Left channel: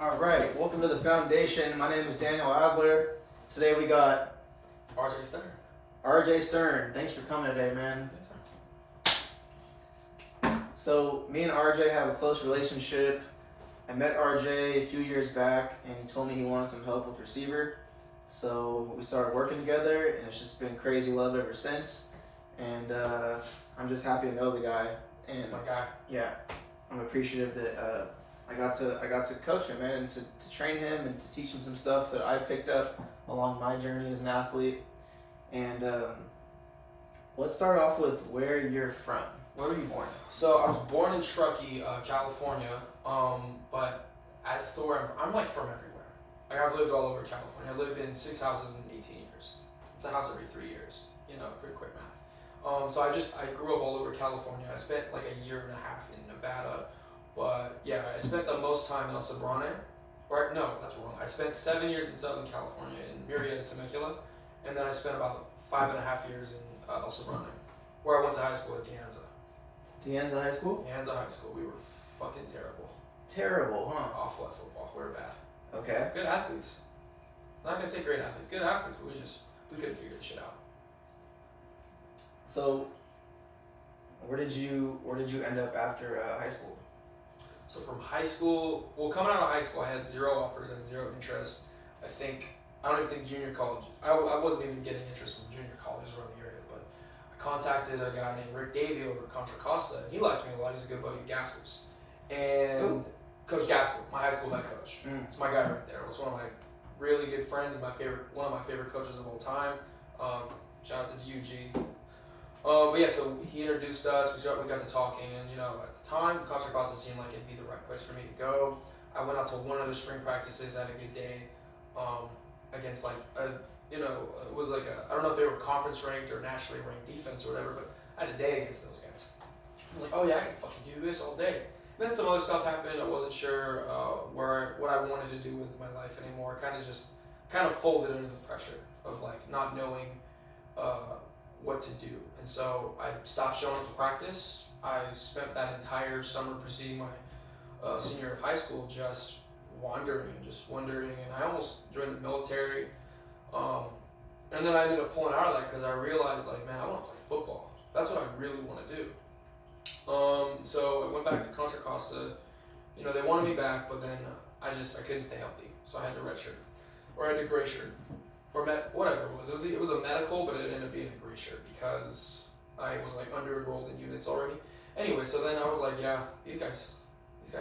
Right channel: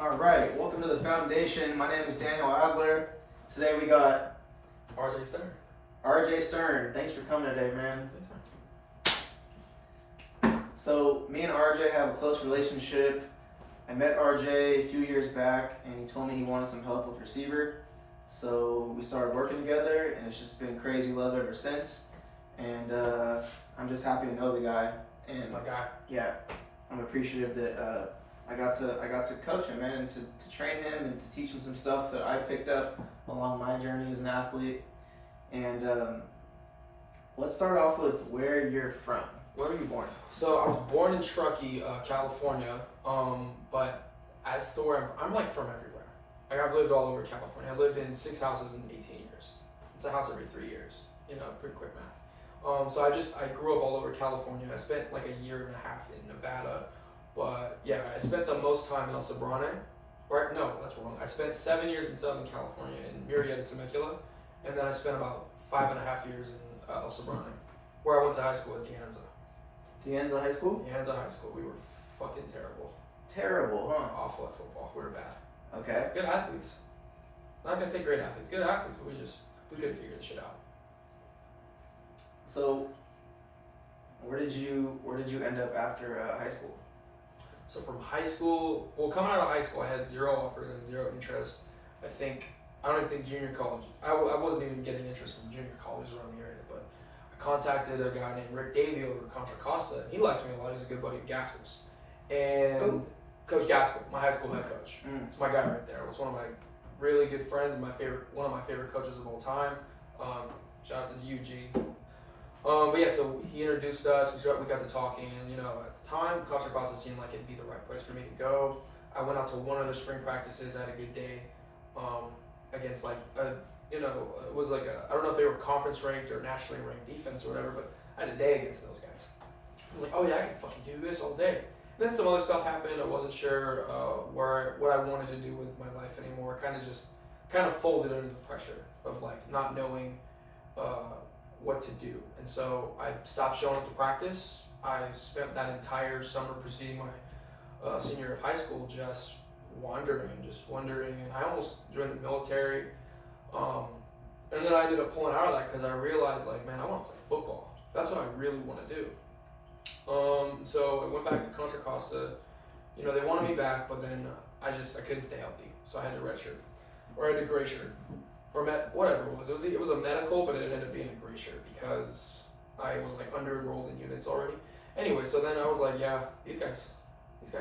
All right, welcome to the foundation. My name is Daniel Adler. Today we got RJ Stern. RJ Stern. Thanks for coming today, man. So me and RJ have a close relationship. I met RJ a few years back, and he told me he wanted some help with Reciever. So we started working together, and it's just been crazy love ever since. And I'm just happy to know the guy. And He's my guy. yeah, I'm appreciative that I got to coach him, man, and to train him and to teach him some stuff that I picked up along my journey as an athlete. And let's start off with where you're from. Where were you born? So I was born in Truckee, California. But as to where I'm like from everywhere. Like I've lived all over California. I lived in 6 houses in 18 years. It's a house every 3 years. You know, pretty quick math. So I grew up all over California. I spent like a year and a half in Nevada. But yeah, I spent the most time in El Sobrante. Or no, that's wrong. I spent 7 years in Southern California in Murrieta, Temecula, and then I spent about 5.5 years in El Sobrante, where I went to high school at De Anza. De Anza High School? De Anza High School. We were fucking terrible. Terrible, huh? Awful at football. We were bad. Okay. Good athletes. I'm not gonna say great athletes. Good athletes, but we couldn't figure this shit out. So, where did you end up after high school? So from high school, coming out of high school, I had 0 offers and 0 interest. I don't even think junior college. I wasn't even getting interest from junior colleges around the area, but I contacted a guy named Rick Davey over at Contra Costa. And he liked me a lot. He's a good buddy of Gaskell's. And Who? Coach Gaskell, my high school head coach. It's my guy right there. It's one of my really good friends and one of my favorite coaches of all time. Shout out to UG. But yeah, so he introduced us. We got to talking, and at the time, Contra Costa seemed like it'd be the right place for me to go. I went out to one of the spring practices. I had a good day against it was like I don't know if they were conference ranked or nationally ranked defense or whatever, but I had a day against those guys. I was like, oh yeah, I can fucking do this all day. And then some other stuff happened. I wasn't sure what I wanted to do with my life anymore. Kind of folded under the pressure of not knowing what to do. And so I stopped showing up to practice. I spent that entire summer preceding my senior year of high school just wandering, and I almost joined the military. And then I ended up pulling out of that because I realized, man, I want to play football. That's what I really want to do. So I went back to Contra Costa. They wanted me back, but then I couldn't stay healthy, so I had to redshirt, or I had to gray shirt, or whatever it was. It was a medical, but it ended up being a gray shirt because I was under enrolled in units already. Anyway, so then I was like, yeah, these guys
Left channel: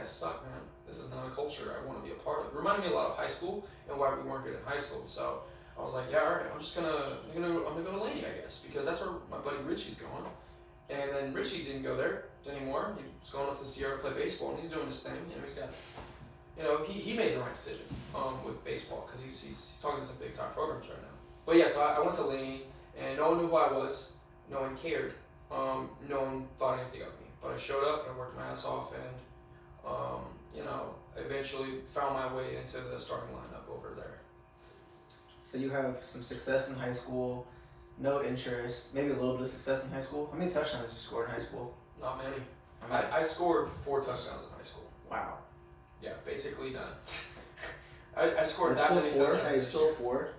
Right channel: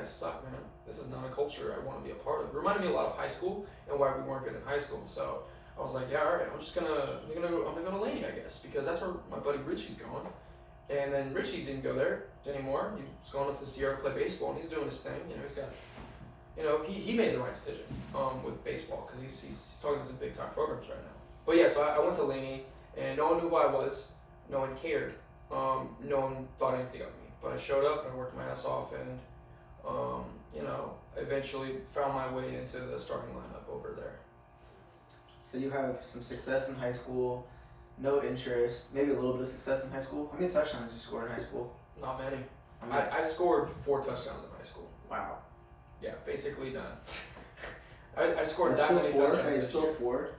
suck, man. This is not a culture I want to be a part of. It reminded me a lot of high school and why we weren't good in high school. So I was like, yeah, all right, I'm gonna go to Laney, I guess, because that's where my buddy Richie's going. And then Richie didn't go there anymore. He was going up to Sierra to play baseball, and he's doing his thing. He's got, he made the right decision with baseball because he's talking to some big time programs right now. But yeah, so I went to Laney, and no one knew who I was. No one cared. No one thought anything of me. But I showed up and I worked my ass off, and eventually found my way into the starting lineup over there. So you have some success in high school, no interest, maybe a little bit of success in high school. How many touchdowns did you score in high school? Not many. I scored 4 touchdowns in high school. Wow. Yeah, basically none. I scored it's that many four, touchdowns. It's still 4,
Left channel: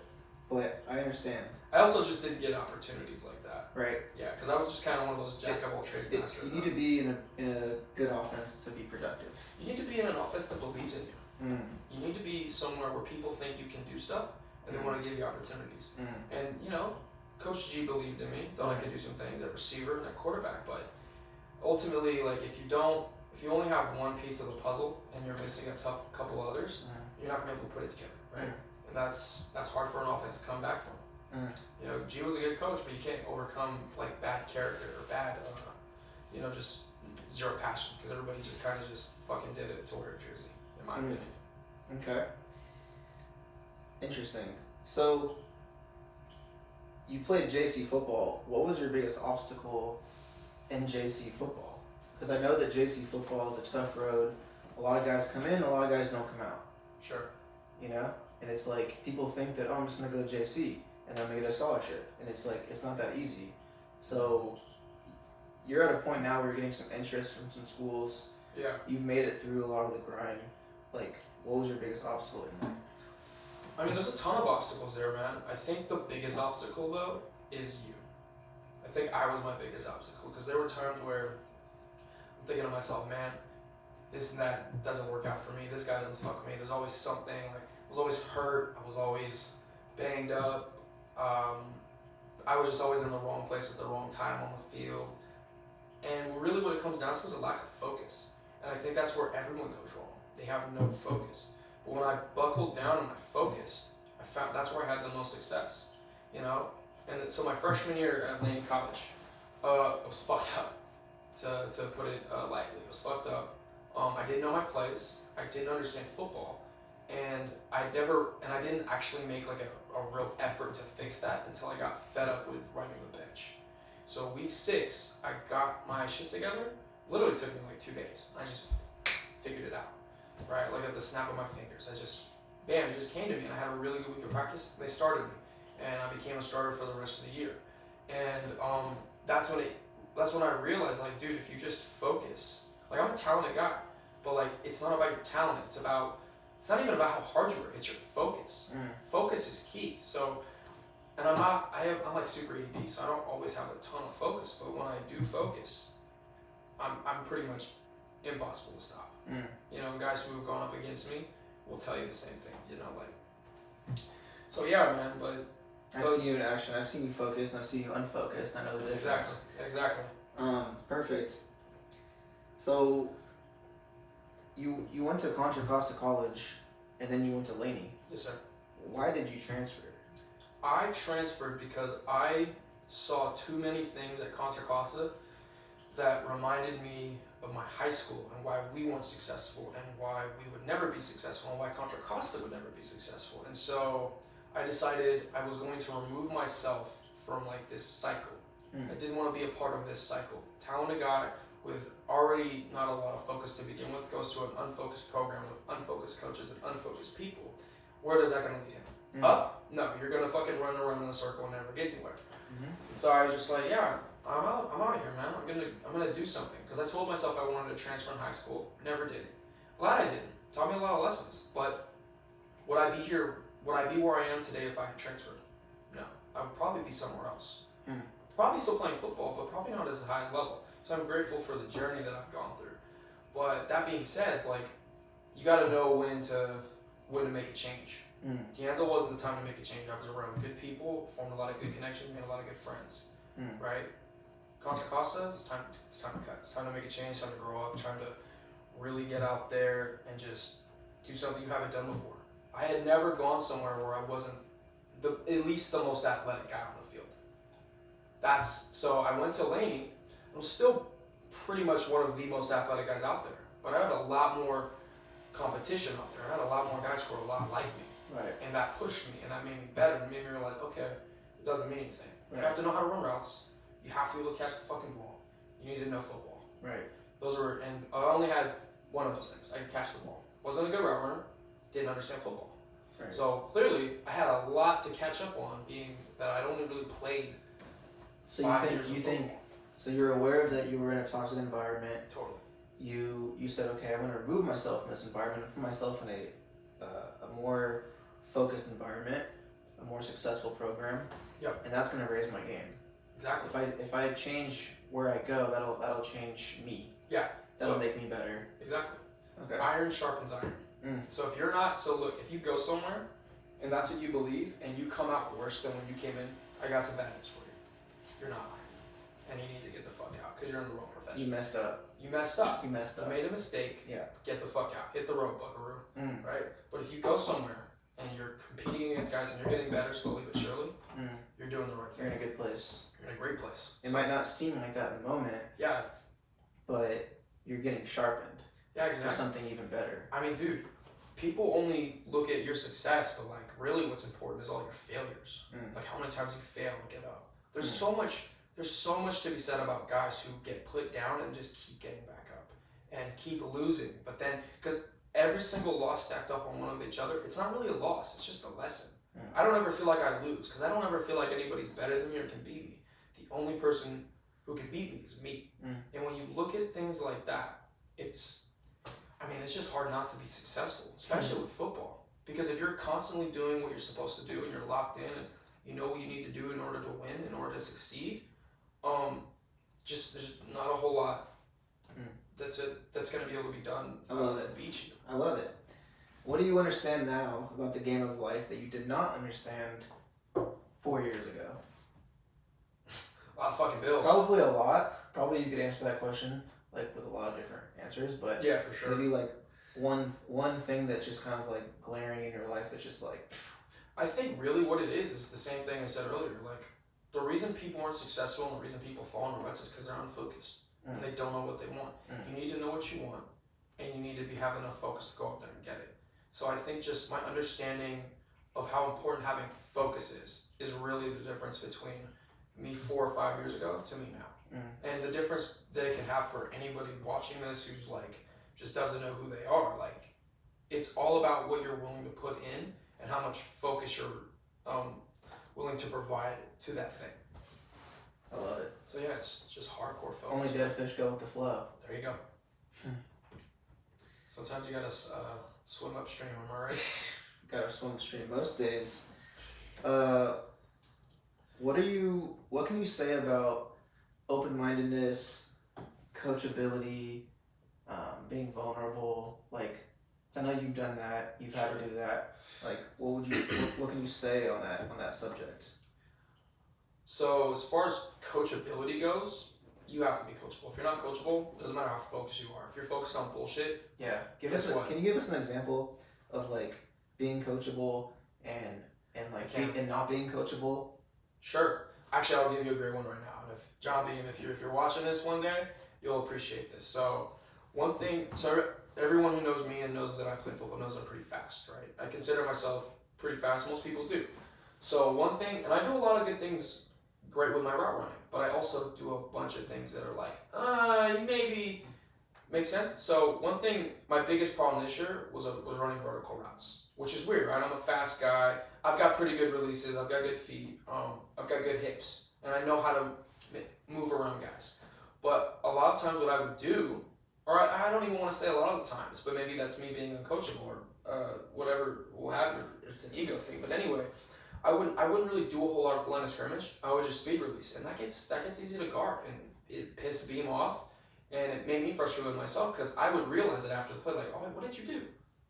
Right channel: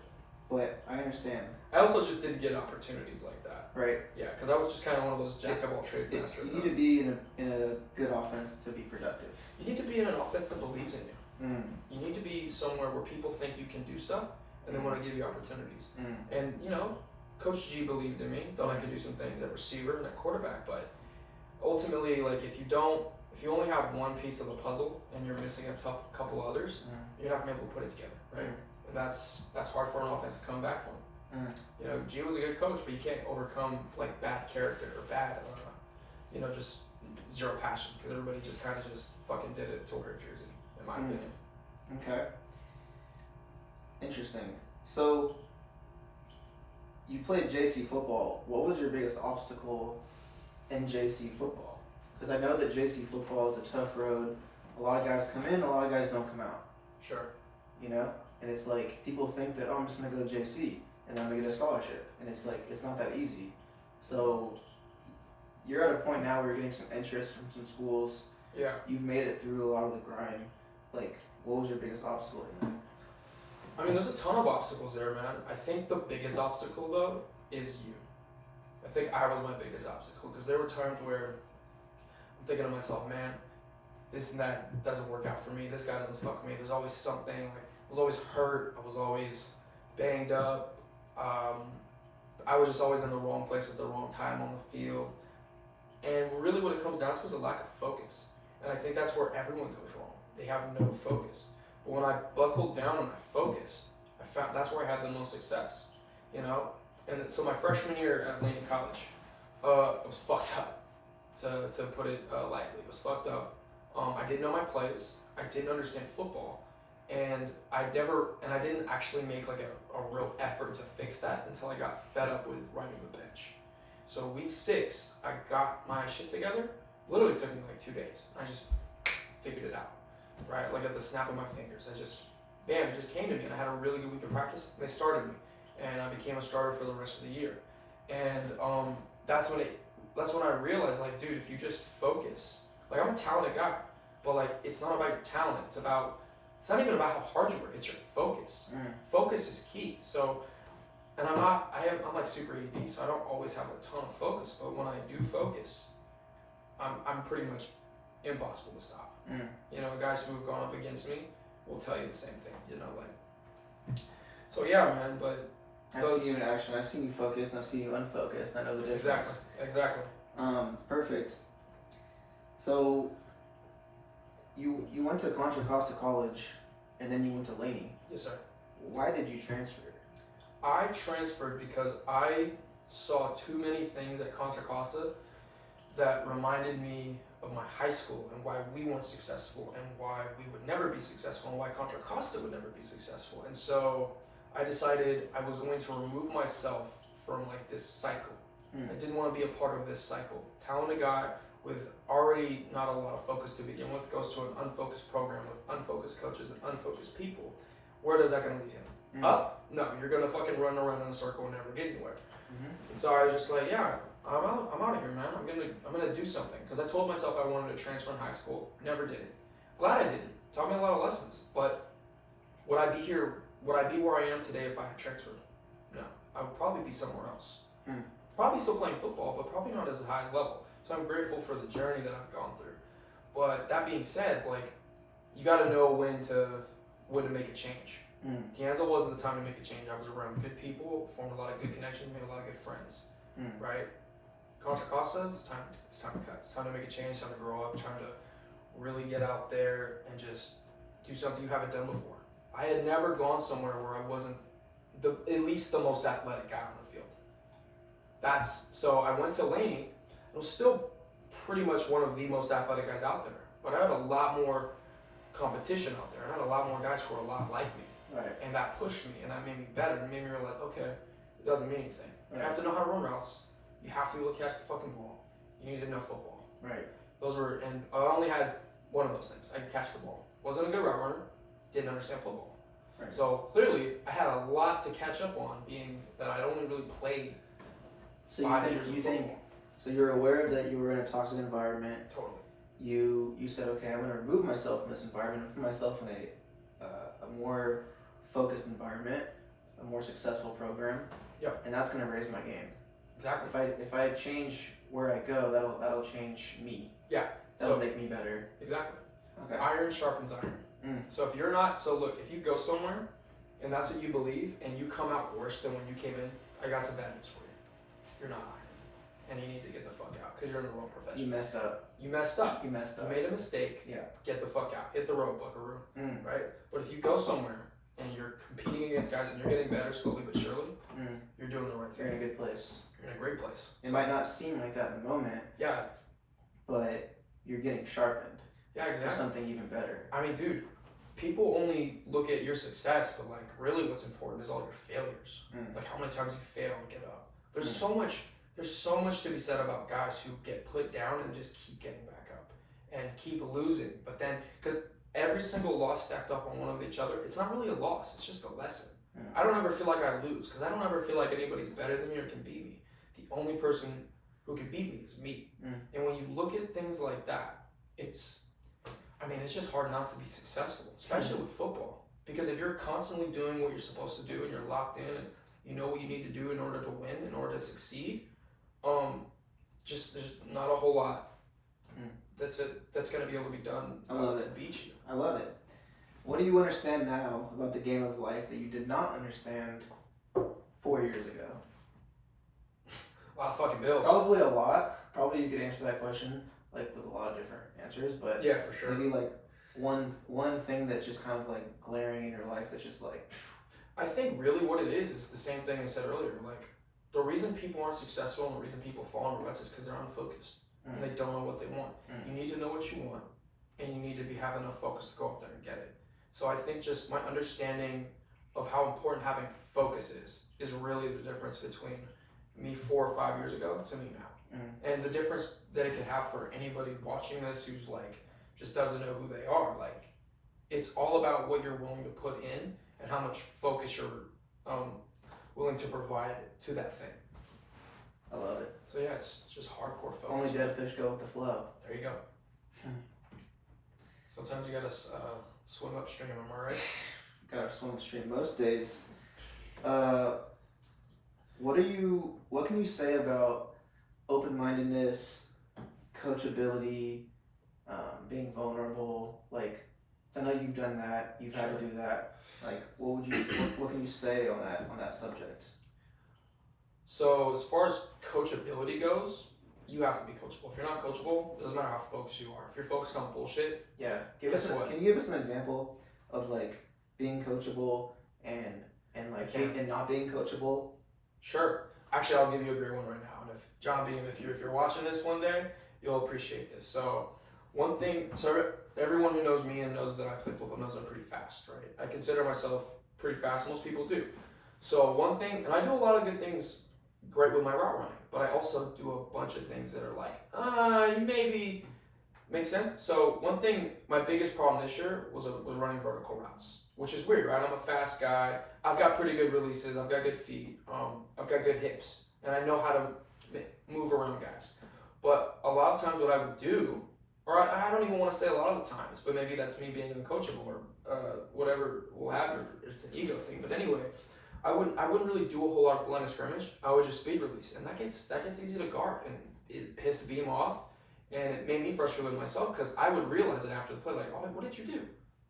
but I understand. I also just didn't get opportunities like that. Right. Yeah, because I was just kind of one of those jack of all trades masters. You need to be in a good offense to be productive. You need to be in an offense that believes in you. You need to be somewhere where people think you can do stuff and they want to give you opportunities. And Coach G believed in me, thought I could do some things at receiver and at quarterback, but ultimately, if you only have one piece of the puzzle and you're missing a couple others, you're not gonna be able to put it together, right? And that's hard for an offense to come back from. G was a good coach, but you can't overcome bad character or bad, just zero passion, because everybody just kind of just fucking did it to wear a jersey, in my opinion. Okay. Interesting. So, you played JC football. What was your biggest obstacle in JC football? Because I know that JC football is a tough road. A lot of guys come in, a lot of guys don't come out. Sure. And it's people think that, I'm just going to go to JC and I'm going to get a scholarship. And it's it's not that easy. So, you're at a point now where you're getting some interest from some schools. Yeah. You've made it through a lot of the grind. Like, what was your biggest obstacle in that? I mean, there's a ton of obstacles there, man. I think the biggest obstacle, though, is you. I think I was my biggest obstacle because there were times where I'm thinking to myself, man, this and that doesn't work out for me. This guy doesn't fuck with me. There's always something. Like, I was always hurt. I was always banged up. I was just always in the wrong place at the wrong time on the field. And really what it comes down to is a lack of focus. And I think that's where everyone goes wrong. They have no focus. But when I buckled down and I focused, I found that's where I had the most success, you know? And so my freshman year at Laney College, it was fucked up, to put it lightly. It was fucked up. I didn't know my plays. I didn't understand football. And I didn't actually make like a real effort to fix that until I got fed up with riding the bench. So week 6, I got my shit together. Literally took me like 2 days. I just figured it out, right? Like at the snap of my fingers. It just came to me, and I had a really good week of practice. They started me, and I became a starter for the rest of the year. And that's when I realized, like, dude, if you just focus, like, I'm a talented guy, but like, it's not about your talent. It's not even about how hard you work. It's your focus. Focus is key. So, and I'm like super ADD, so I don't always have a ton of focus. But when I do focus, I'm pretty much impossible to stop. You know, guys who have gone up against me will tell you the same thing. You know, like. So yeah, man. But I've seen you in action. I've seen you focused, and I've seen you unfocused. I know the difference. Exactly. Perfect. So, you went to Contra Costa College, and then you went to Laney. Yes, sir. Why did you transfer? I transferred because I saw too many things at Contra Costa that reminded me of my high school and why we weren't successful and why we would never be successful and why Contra Costa would never be successful. And so I decided I was going to remove myself from like this cycle. I didn't want to be a part of this cycle. Talented guy with already not a lot of focus to begin with goes to an unfocused program with unfocused coaches and unfocused people. Where does that going to lead him? Up? No, you're going to fucking run around in a circle and never get anywhere. And so I was just like, yeah, I'm out of here, man. I'm gonna do something. Because I told myself I wanted to transfer in high school. Never did it. Glad I didn't. Taught me a lot of lessons. But would I be here? Would I be where I am today if I had transferred? No. I would probably be somewhere else. Probably still playing football, but probably not as high level. So I'm grateful for the journey that I've gone through. But that being said, like, you got to know when to make a change. D'Anzo wasn't the time to make a change. I was around good people, formed a lot of good connections, made a lot of good friends. Right? Contra Costa, it's time to cut. It's time to make a change, time to grow up, time to really get out there and just do something you haven't done before. I had never gone somewhere where I wasn't at least the most athletic guy on the field. So I went to Laney. I was still pretty much one of the most athletic guys out there, but I had a lot more competition out there. I had a lot more guys who were a lot like me. Right. And that pushed me, and that made me better, and made me realize, okay, it doesn't mean anything. You have to know how to run routes. You have to be able to catch the fucking ball. You need to know football. Right. And I only had one of those things. I could catch the ball. Wasn't a good route runner. Didn't understand football. Right. So clearly, I had a lot to catch up on, being that I'd only really played. So you think? So you're aware of that you were in a toxic environment. Totally. You said, okay, I'm going to remove myself from this environment and put myself in a more focused environment, a more successful program. Yep. And that's going to raise my game. Exactly. If I change where I go, that'll change me. Yeah. That'll make me better. Exactly. Okay. Iron sharpens iron. So if if you go somewhere and that's what you believe and you come out worse than when you came in, I got some bad news for you. You're not iron. And you need to get the fuck out because you're in the wrong profession. You messed up. You messed up. You made a mistake. Yeah. Get the fuck out. Hit the road, buckaroo. Right? But if you go somewhere and you're competing against guys and you're getting better slowly but surely, you're doing the right thing. You're in a good place. You're in a great place. It might not seem like that in the moment. Yeah. But you're getting sharpened. Yeah, exactly. For something even better. I mean, dude, people only look at your success, but like really what's important is all your failures. Like how many times you fail and get up. There's so much to be said about guys who get put down and just keep getting back up and keep losing. But then, because every single loss stacked up on one of each other, it's not really a loss, it's just a lesson. I don't ever feel like I lose because I don't ever feel like anybody's better than me or can beat me. The only person who can beat me is me. And when you look at things like that, I mean, it's just hard not to be successful, especially with football. Because if you're constantly doing what you're supposed to do and you're locked in and you know what you need to do in order to win, in order to succeed, just there's not a whole lot that's going to be able to be done to beat you. I love it. What do you understand now about the game of life that you did not understand 4 years ago? A lot of fucking bills. Probably a lot. Probably you could answer that question like with a lot of different answers, but yeah, for sure. Maybe like one thing that's just kind of like glaring in your life that's just like. I think really what it is the same thing I said earlier. Like the reason people aren't successful and the reason people fall into ruts is because they're unfocused and they don't know what they want. You need to know what you want, and you need to have enough focus to go out there and get it. So I think just my understanding of how important having focus is really the difference between me 4 or 5 years ago to me now. And the difference that it can have for anybody watching this who's like just doesn't know who they are. Like it's all about what you're willing to put in and how much focus you're willing to provide to that thing. I love it. So yeah, it's just hardcore focus. Only dead fish go with the flow. There you go. Sometimes you gotta swim upstream, am I right? Gotta swim upstream most days. What can you say about open-mindedness, coachability, being vulnerable? Like, I know you've done that. You've had to do that. Like, what can you say on that subject? So as far as coachability goes, you have to be coachable. If you're not coachable, it doesn't matter how focused you are. If you're focused on bullshit, yeah. Can you give us an example of like being coachable and not being coachable? Sure. Actually, I'll give you a great one right now. And if John Beam, if you're watching this one day, you'll appreciate this. So one thing, everyone who knows me and knows that I play football knows I'm pretty fast, right? I consider myself pretty fast. Most people do. So one thing, and I do a lot of good things great with my route running, but I also do a bunch of things that are like, you maybe make sense. So one thing, my biggest problem this year was running vertical routes, which is weird, right? I'm a fast guy. I've got pretty good releases. I've got good feet. I've got good hips, and I know how to move around guys. But a lot of times what I would do, or I don't even want to say a lot of the times, but maybe that's me being uncoachable or whatever we'll have, or it's an ego thing. But anyway, I wouldn't really do a whole lot of line of scrimmage. I would just speed release, and that gets easy to guard, and it pissed Beam off, and it made me frustrated with myself because I would realize it after the play, like, oh, what did you do?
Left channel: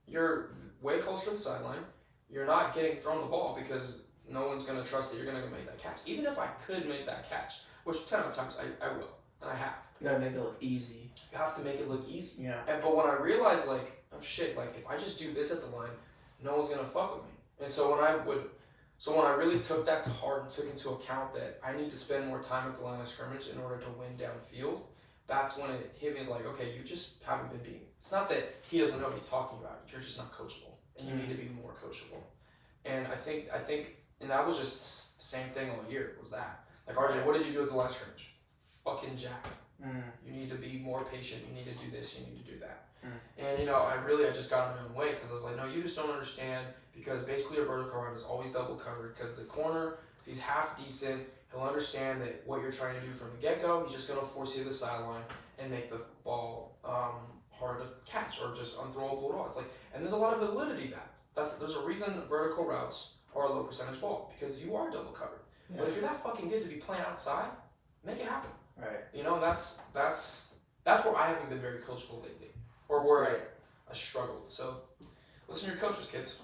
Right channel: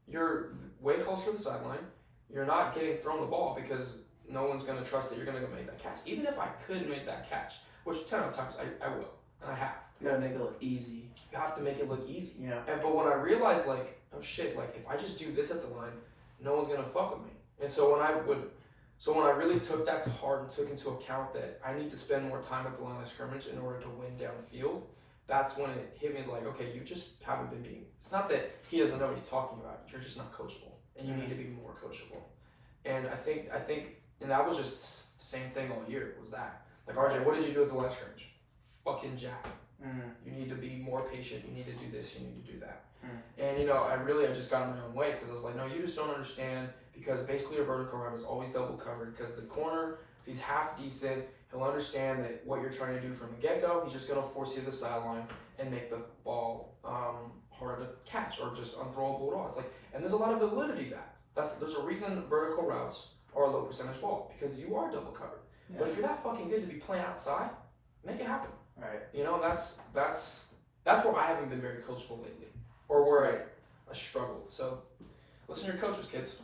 You're way closer to the sideline. You're not getting thrown the ball because no one's going to trust that you're going to go make that catch. Even if I could make that catch, which 10 of times I will, and I have. You gotta make it look easy. You have to make it look easy. Yeah. But when I realized, like, oh shit, like if I just do this at the line, no one's gonna fuck with me. And so when I really took that to heart and took into account that I need to spend more time at the line of scrimmage in order to win downfield, that's when it hit me as like, okay, you just haven't been being. It's not that he doesn't know what he's talking about. You're just not coachable, and you need to be more coachable. And I think, and that was just same thing all year. Was that like RJ? What did you do at the line of scrimmage? Fucking jack. You need to be more patient. You need to do this. You need to do that. And I just got in my own way because I was like, no, you just don't understand. Because basically a vertical route is always double covered because the corner, if he's half decent, he'll understand that what you're trying to do from the get-go, he's just going to force you to the sideline and make the ball harder to catch or just unthrowable at all. It's like, and there's a lot of validity to that. There's a reason vertical routes are a low percentage ball because you are double covered. Yeah. But if you're that fucking good to be playing outside, make it happen. Right. That's where I haven't been very coachable lately, or that's where I struggled. So listen to your coaches, kids.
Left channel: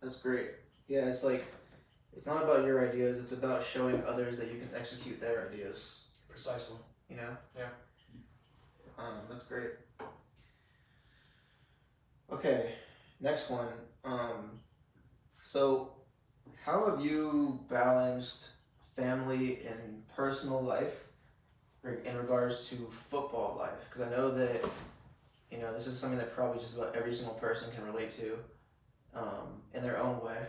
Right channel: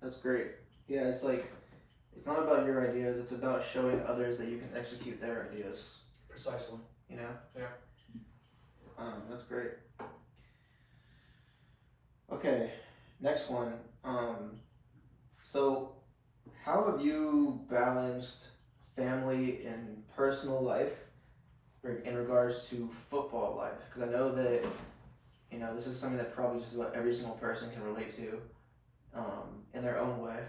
That's great. Yeah, it's like, it's not about your ideas, it's about showing others that you can execute their ideas. Precisely. You know? Yeah. That's great. Okay, next one. So how have you balanced family and personal life in regards to football life? Because I know that, this is something that probably just about every single person can relate to. In their own way,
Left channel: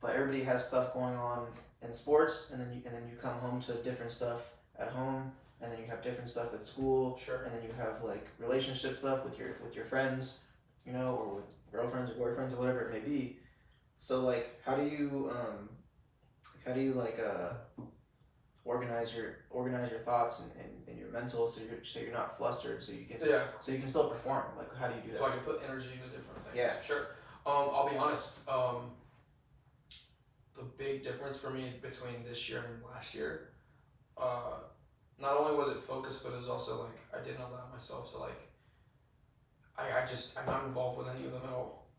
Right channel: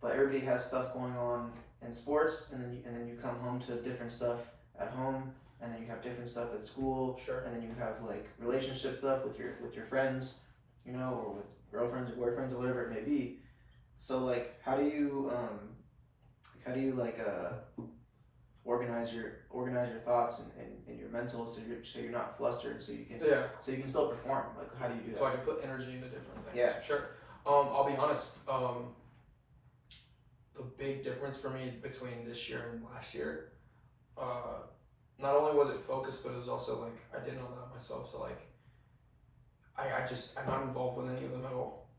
but everybody has stuff going on in sports, and then you come home to different stuff at home, and then you have different stuff at school, sure, and then you have like relationship stuff with your friends, or with girlfriends, boyfriends, or whatever it may be. So like, how do you organize your thoughts and your mental, so you're not flustered, so you can still perform. Like, how do you do that? So I can put energy into different things. Yeah. Sure. I'll be honest. The big difference for me between this year and last year, not only was it focused, but it was also like I didn't allow myself to like. I'm not involved with any of them at all.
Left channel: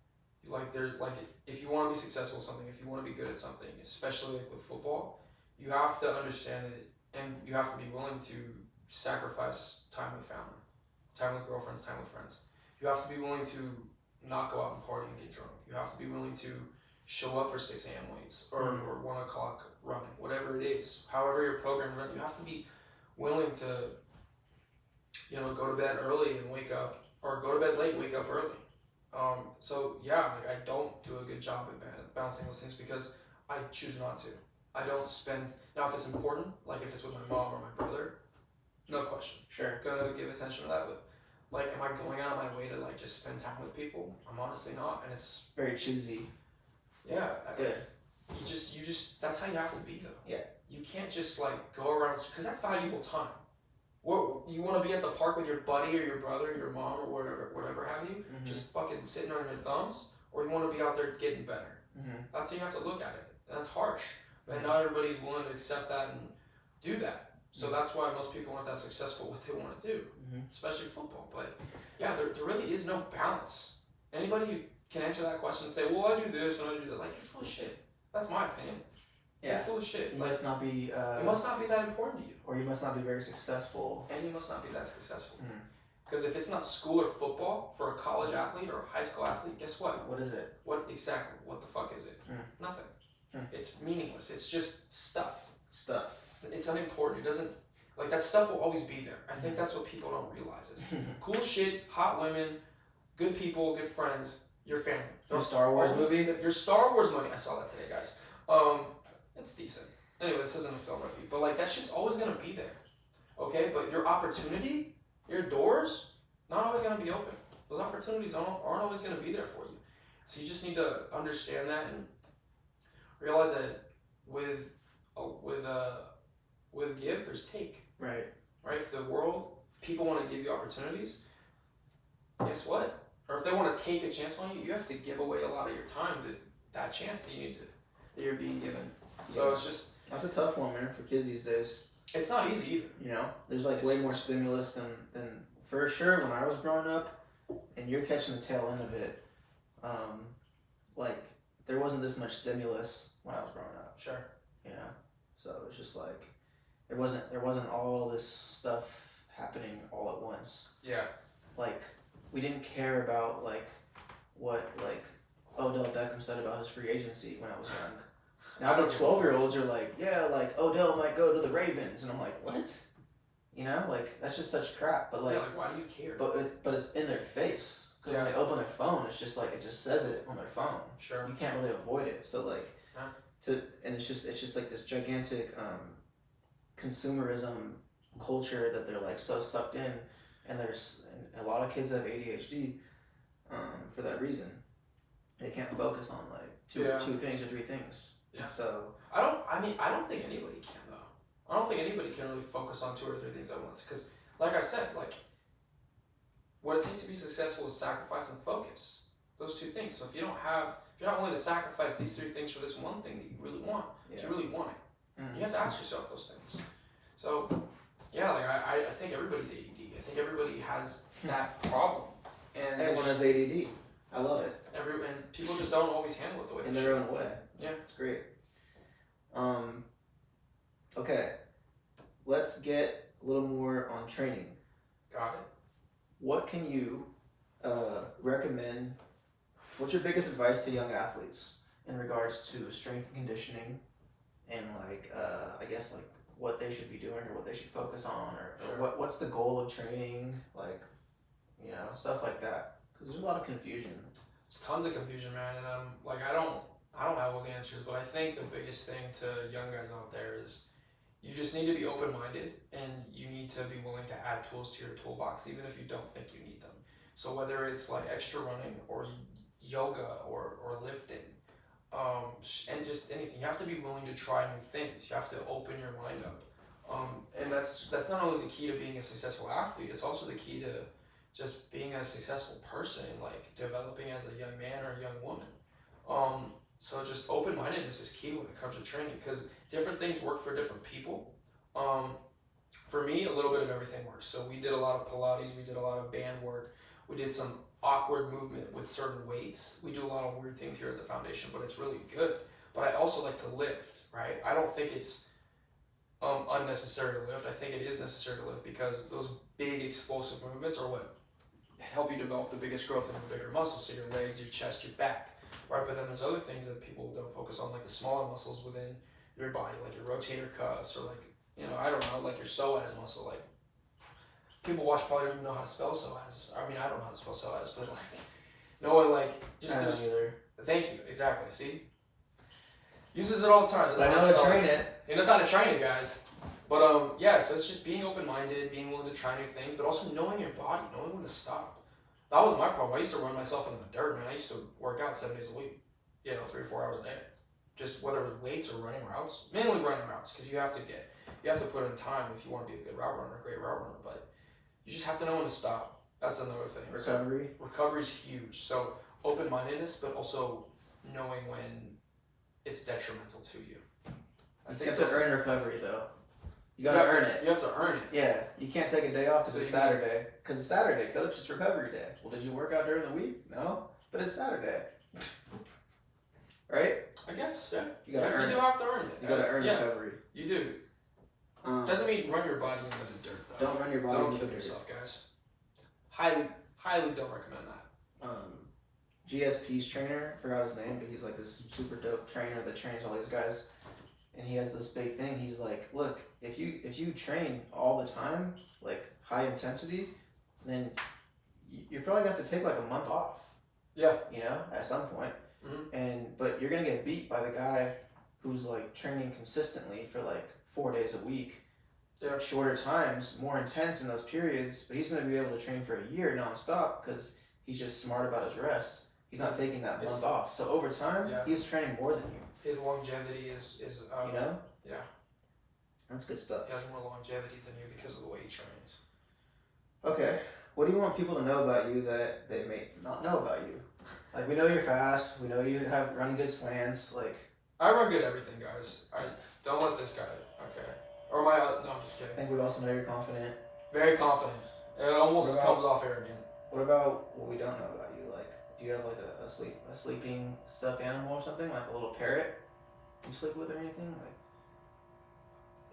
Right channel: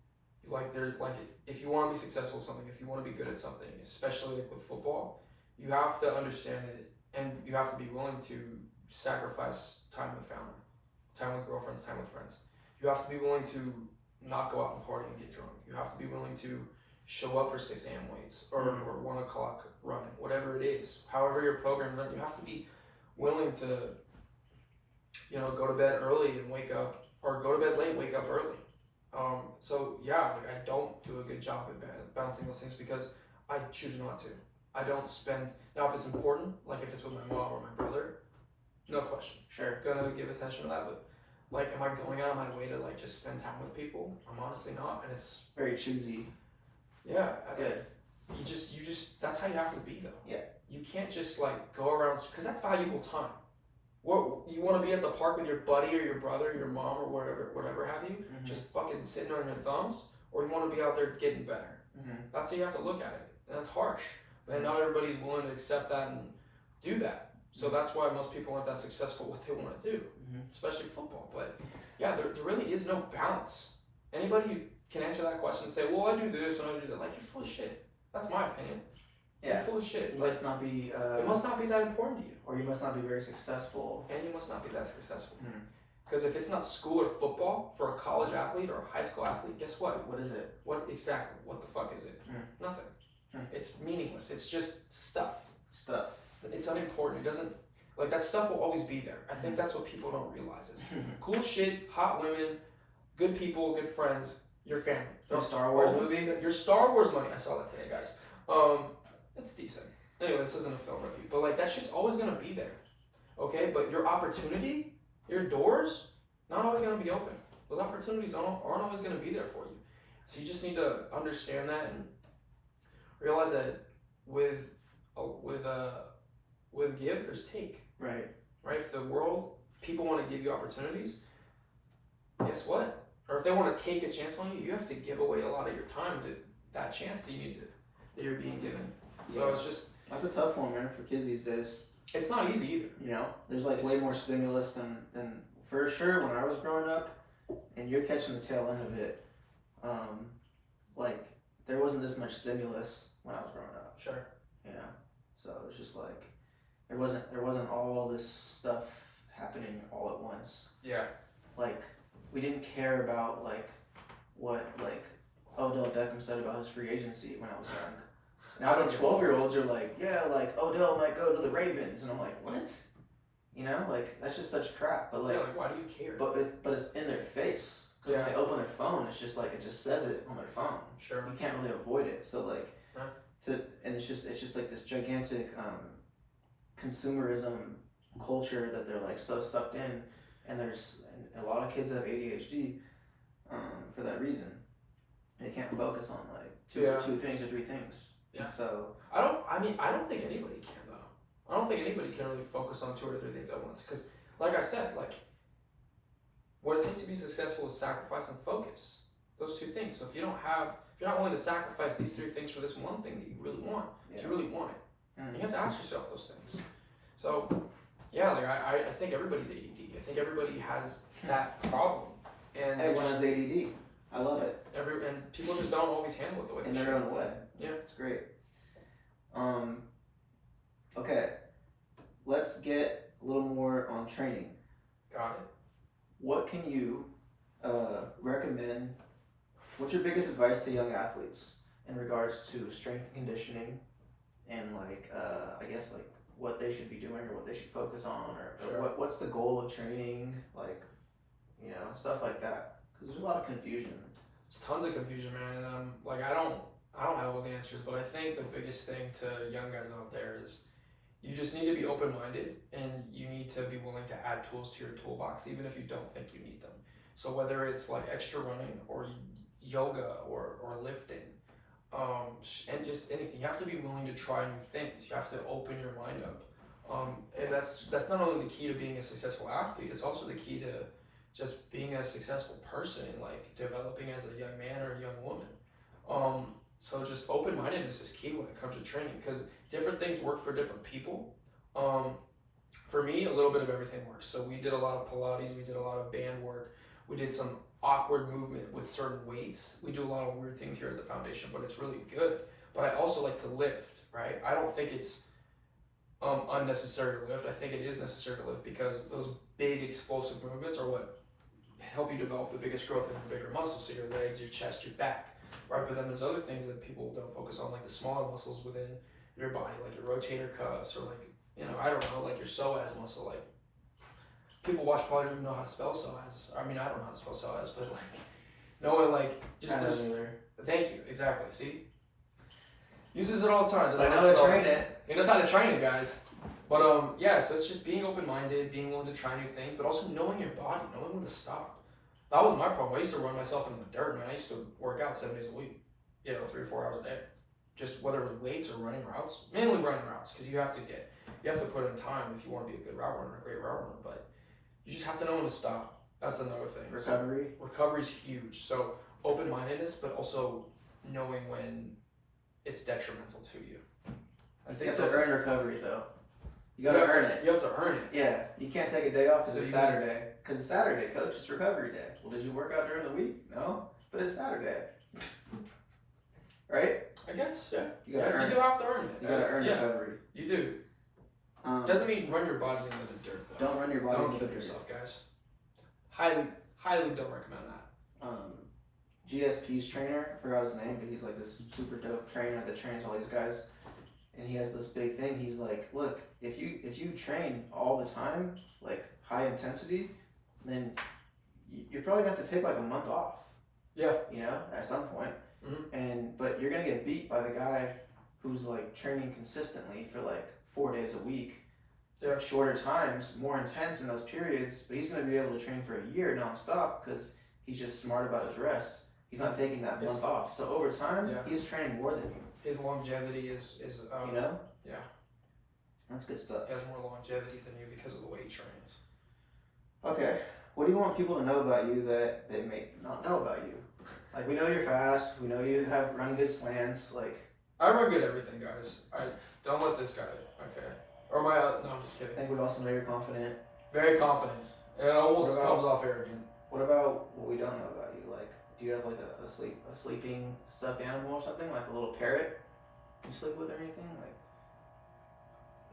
Like there's like if you want to be successful at something, if you want to be good at something, especially like with football, you have to understand it, and you have to be willing to sacrifice time with family, time with girlfriends, time with friends. You have to be willing to not go out and party and get drunk. You have to be willing to show up for 6 a.m. weights or 1 o'clock running, whatever it is. However your program runs, you have to be willing to, go to bed early and wake up, or go to bed late and wake up early. So yeah, like I don't do a good job at balancing those things because I choose not to. I don't spend, now if it's important, like if it's with my mom or my brother, no question. Sure. Gonna give attention to that, but like, am I going out of my way to like just spend time with people? I'm honestly not, and it's very choosy. Yeah. Good. You just, that's how you have to be though. Yeah. You can't just like go around, because that's valuable time. What, you want to be at the park with your buddy or your brother, or your mom, or whatever have you, just fucking sitting on your thumbs, or you want to be out there getting better. That's how you have to look at it. And that's harsh. And not everybody's willing to accept that and do that. So that's why most people aren't that successful at what they want to do, especially football. But yeah, there really is no balance. Anybody who can answer that question and say, well, I do this and I do that, like, you're full of shit. That's my opinion. Yeah. You're full of shit. You must not be. It must not be that important to you. Or you must not be very successful. And you must not be that successful. Because if it's not school or football for a college athlete or a high school athlete, guess what? What is it? What exactly? What the fuck is it? Nothing. It's meaningless. It's just stuff. It's unimportant. It doesn't, like, that stuff will always be there. I think that's what people don't realize is cool shit, hot women, good people, good friends, your family. Your Star Wars movie? Your Star Wars money. I saw that today, guys. It's decent. Anyway, this isn't a film review, but like that shit's always gonna be there. Okay, but your opportunity, your doors, not always gonna be open. Those opportunities aren't always gonna be there for you. So you just need to understand that and realize that with give, there's take. Right. If the world, if people want to give you opportunities, guess what? Or if they want to take a chance on you, you have to give away a lot of your time to that chance that that you're being given. So it's just, that's a tough one, man, for kids these days. It's not easy either. There's like way more stimulus than for sure when I was growing up, and you're catching the tail end of it. Like there wasn't this much stimulus when I was growing up. Sure. So it was just like there wasn't all this stuff happening all at once. Yeah. Like we didn't care about like what like Odell Beckham said about his free agency when I was young. Now the 12-year-olds are like, yeah, like Odell might go to the Ravens, and I'm like, what? Like that's just such crap. But like, yeah, like why do you care? But it's in their face. Because when they open their phone, it's just like it just says it on their phone. Sure. You can't really avoid it. So like, and it's just like this gigantic consumerism culture that they're like so sucked in, and a lot of kids have ADHD for that reason. They can't focus on like two things or three things. Yeah. So I don't think anybody can though. I don't think anybody can really focus on 2 or 3 things at once. Because, like I said, like what it takes to be successful is sacrifice and focus. Those 2 things. So if you're not willing to sacrifice these 3 things for this one thing that you really want, if you really want it, you have to ask yourself those things. So yeah, like I think everybody's ADD. I think everybody has that problem. And everyone has ADD. I love it. And people just don't always handle it the way in their own way. Yeah, it's great. Okay, let's get a little more on training. Got it. What can you recommend? What's your biggest advice to young athletes in regards to strength and conditioning, and like I guess like what they should be doing or what they should focus on, or what's the goal of training, like stuff like that? Because there's a lot of confusion. There's tons of confusion, man, and like I don't have all the answers, but I think the biggest thing to young guys out there is you just need to be open-minded, and you need to be willing to add tools to your toolbox, even if you don't think you need them. So whether it's like extra running or yoga or lifting, and just anything, you have to be willing to try new things. You have to open your mind up. And that's not only the key to being a successful athlete, it's also the key to just being a successful person and like developing as a young man or a young woman. So just open-mindedness is key when it comes to training, because different things work for different people. For me, a little bit of everything works. So we did a lot of Pilates, we did a lot of band work, we did some awkward movement with certain weights. We do a lot of weird things here at the foundation, but it's really good. But I also like to lift, right? I don't think it's unnecessary to lift. I think it is necessary to lift because those big explosive movements are what help you develop the biggest growth in your bigger muscles, so your legs, your chest, your back, right? But then there's other things that people don't focus on, like the smaller muscles within your body, like your rotator cuffs, or like, I don't know, like your psoas muscle. Like, people watch probably don't even know how to spell psoas. I mean, I don't know how to spell psoas, but like, no one like, just thank you, exactly, see? Uses it all the time. But I know how to train it. He knows how to train it, guys. But yeah, so it's just being open-minded, being willing to try new things, but also knowing your body, knowing when to stop. That was my problem. I used to run myself in the dirt, man. I used to work out 7 days a week, 3 or 4 hours a day. Just whether it was weights or running routes, mainly running routes, because you have to put in time if you want to be a good route runner, a great route runner. But you just have to know when to stop. That's another thing. Recovery is huge. So open-mindedness, but also knowing when it's detrimental to you. You have to earn recovery, though. You gotta earn it. You have to earn it. Yeah, you can't take a day off because it's Saturday. Because it's Saturday, coach. It's recovery day. Well, did you work out during the week? No, but it's Saturday. Right? I guess, yeah. You gotta earn it. You do have to earn it. You gotta earn recovery. You do. Doesn't mean run your body into the dirt, though. Don't run your body into the dirt. Don't kill yourself, guys. Highly don't recommend that. GSP's trainer, I forgot his name, but he's like this super dope trainer that trains all these guys. And he has this big thing. He's like, look, if you train all the time, like high intensity, then you're probably gonna have to take like a month off. Yeah. At some point. Mm-hmm. But you're gonna get beat by the guy who's like training consistently for like 4 days a week. Yeah. Shorter times, more intense in those periods, but he's gonna be able to train for a year nonstop because he's just smart about his rest. He's not taking that month off. So over time, he's training more than you. His longevity is Yeah. That's good stuff. He has more longevity than you because of the way he trains. Okay. What do you want people to know about you that they may not know about you? Like, we know you're fast. We know you run good slants. Like, I run good everything, guys. Don't let this guy. Okay. Or no, I'm just kidding. I think we also know you're confident. Very confident. It almost comes off arrogant. What about what we don't know about you? Like, do you have like a sleeping stuffed animal or something? Like a little parrot you sleep with or anything? Like,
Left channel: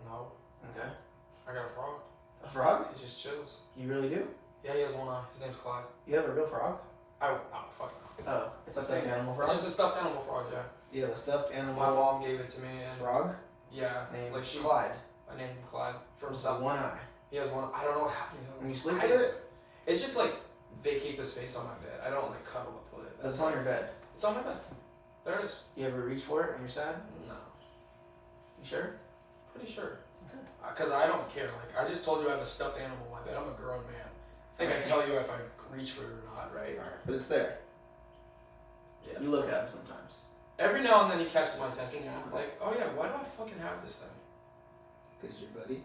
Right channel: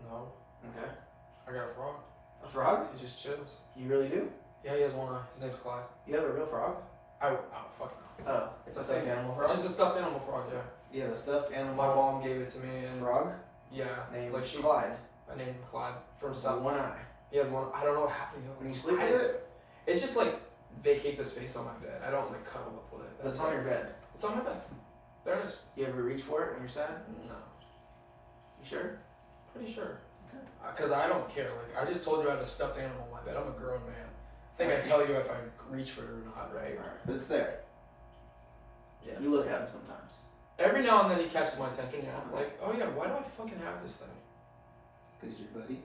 no. Okay. I got a frog. A frog? He just chills. You really do? Yeah, he has one. His name's Clyde. You have a real frog? Oh, fuck no. Oh, it's a stuffed animal frog? It's just a stuffed animal frog, yeah. You have a stuffed animal. My mom gave it to me. And frog? Yeah. Named like Clyde. I named him Clyde from one eye. He has one. I don't know what happened. When you sleep with it? It's just like vacates a space on my bed. I don't like cuddle up with it. It's on your bed. It's on my bed. There it is. You ever reach for it when you're sad? No. You sure? Pretty sure. Because I don't care. Like, I just told you I have a stuffed animal on my bed. I'm a grown man. I think I tell you if I reach for it or not, right? Alright, but it's there. Yeah. You look at him sometimes. Every now and then he catches my attention, and I'm like, oh yeah, why do I fucking have this thing? Because your buddy.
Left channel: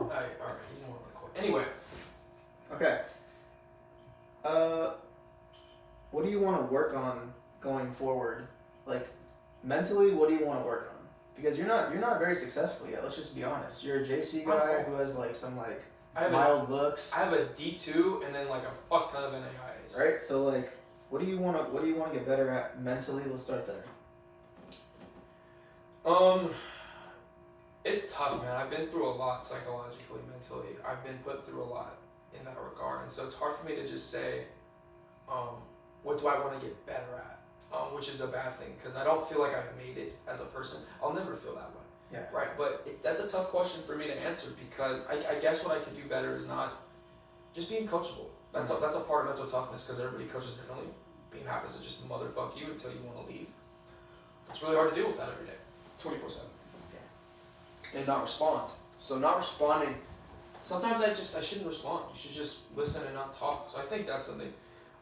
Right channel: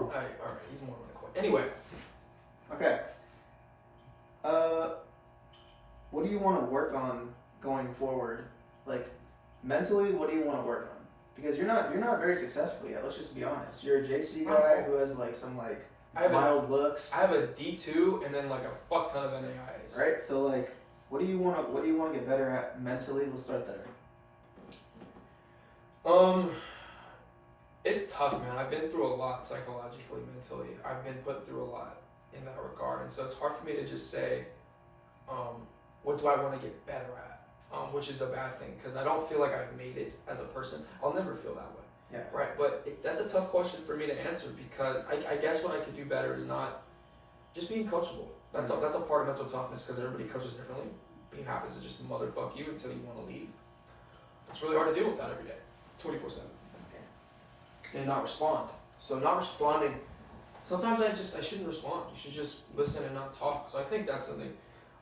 Alright, he's more than a Anyway. Okay. What do you want to work on going forward? Like, mentally, what do you want to work on? Because you're not very successful yet. Let's just be honest. You're a JC guy who has like some like mild looks. I have a D2 and then like a fuck ton of NAIs. Right. So like, what do you want to get better at mentally? Let's start there. It's tough, man. I've been through a lot psychologically, mentally. I've been put through a lot in that regard, and so it's hard for me to just say, what do I want to get better at? Which is a bad thing because I don't feel like I've made it as a person. I'll never feel that way. Yeah. Right. But that's a tough question for me to answer because I guess what I could do better is not just being coachable. That's a part of mental toughness because everybody coaches differently. Being happens to just motherfuck you until you want to leave. It's really hard to deal with that every day, 24/7. Yeah. And not respond. So not responding. Sometimes I shouldn't respond. You should just listen and not talk. So I think that's something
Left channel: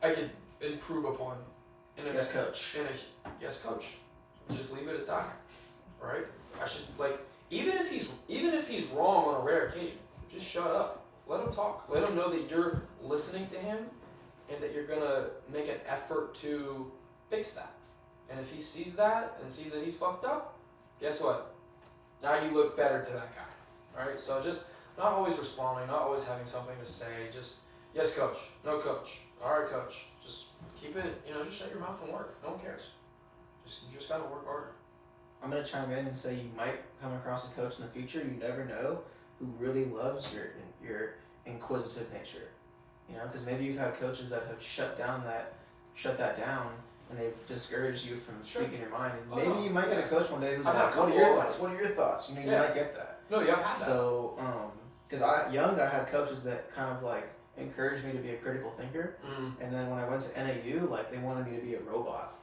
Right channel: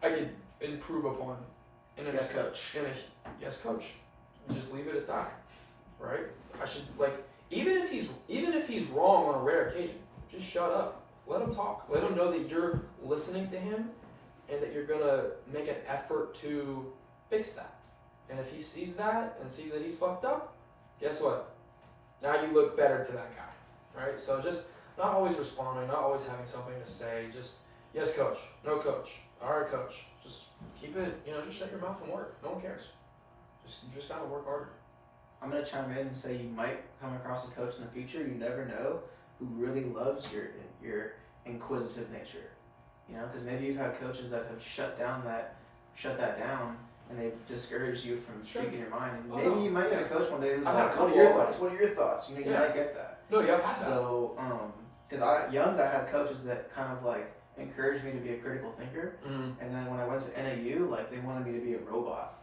I could improve upon. Yes, coach. Yes, coach. Just leave it at that, right? I should, like, even if he's wrong on a rare occasion, just shut up. Let him talk. Let him know that you're listening to him, and that you're gonna make an effort to fix that. And if he sees that and sees that he's fucked up, guess what? Now you look better to that guy, right? So just not always responding, not always having something to say. Just yes, coach. No, coach. All right, coach. Just keep it. Just shut your mouth and work. No one cares. You just gotta work harder. I'm gonna chime in and say you might come across a coach in the future. You never know who really loves your inquisitive nature. Because maybe you've had coaches that have shut that down, and they've discouraged you from speaking your mind. And maybe you might get a coach one day who's like, "What are your thoughts? What are your thoughts?" You might get that. No, yeah, I've had that. So, because I had coaches that kind of like encouraged me to be a critical thinker, and then when I went to NAU, like they wanted me to be a robot,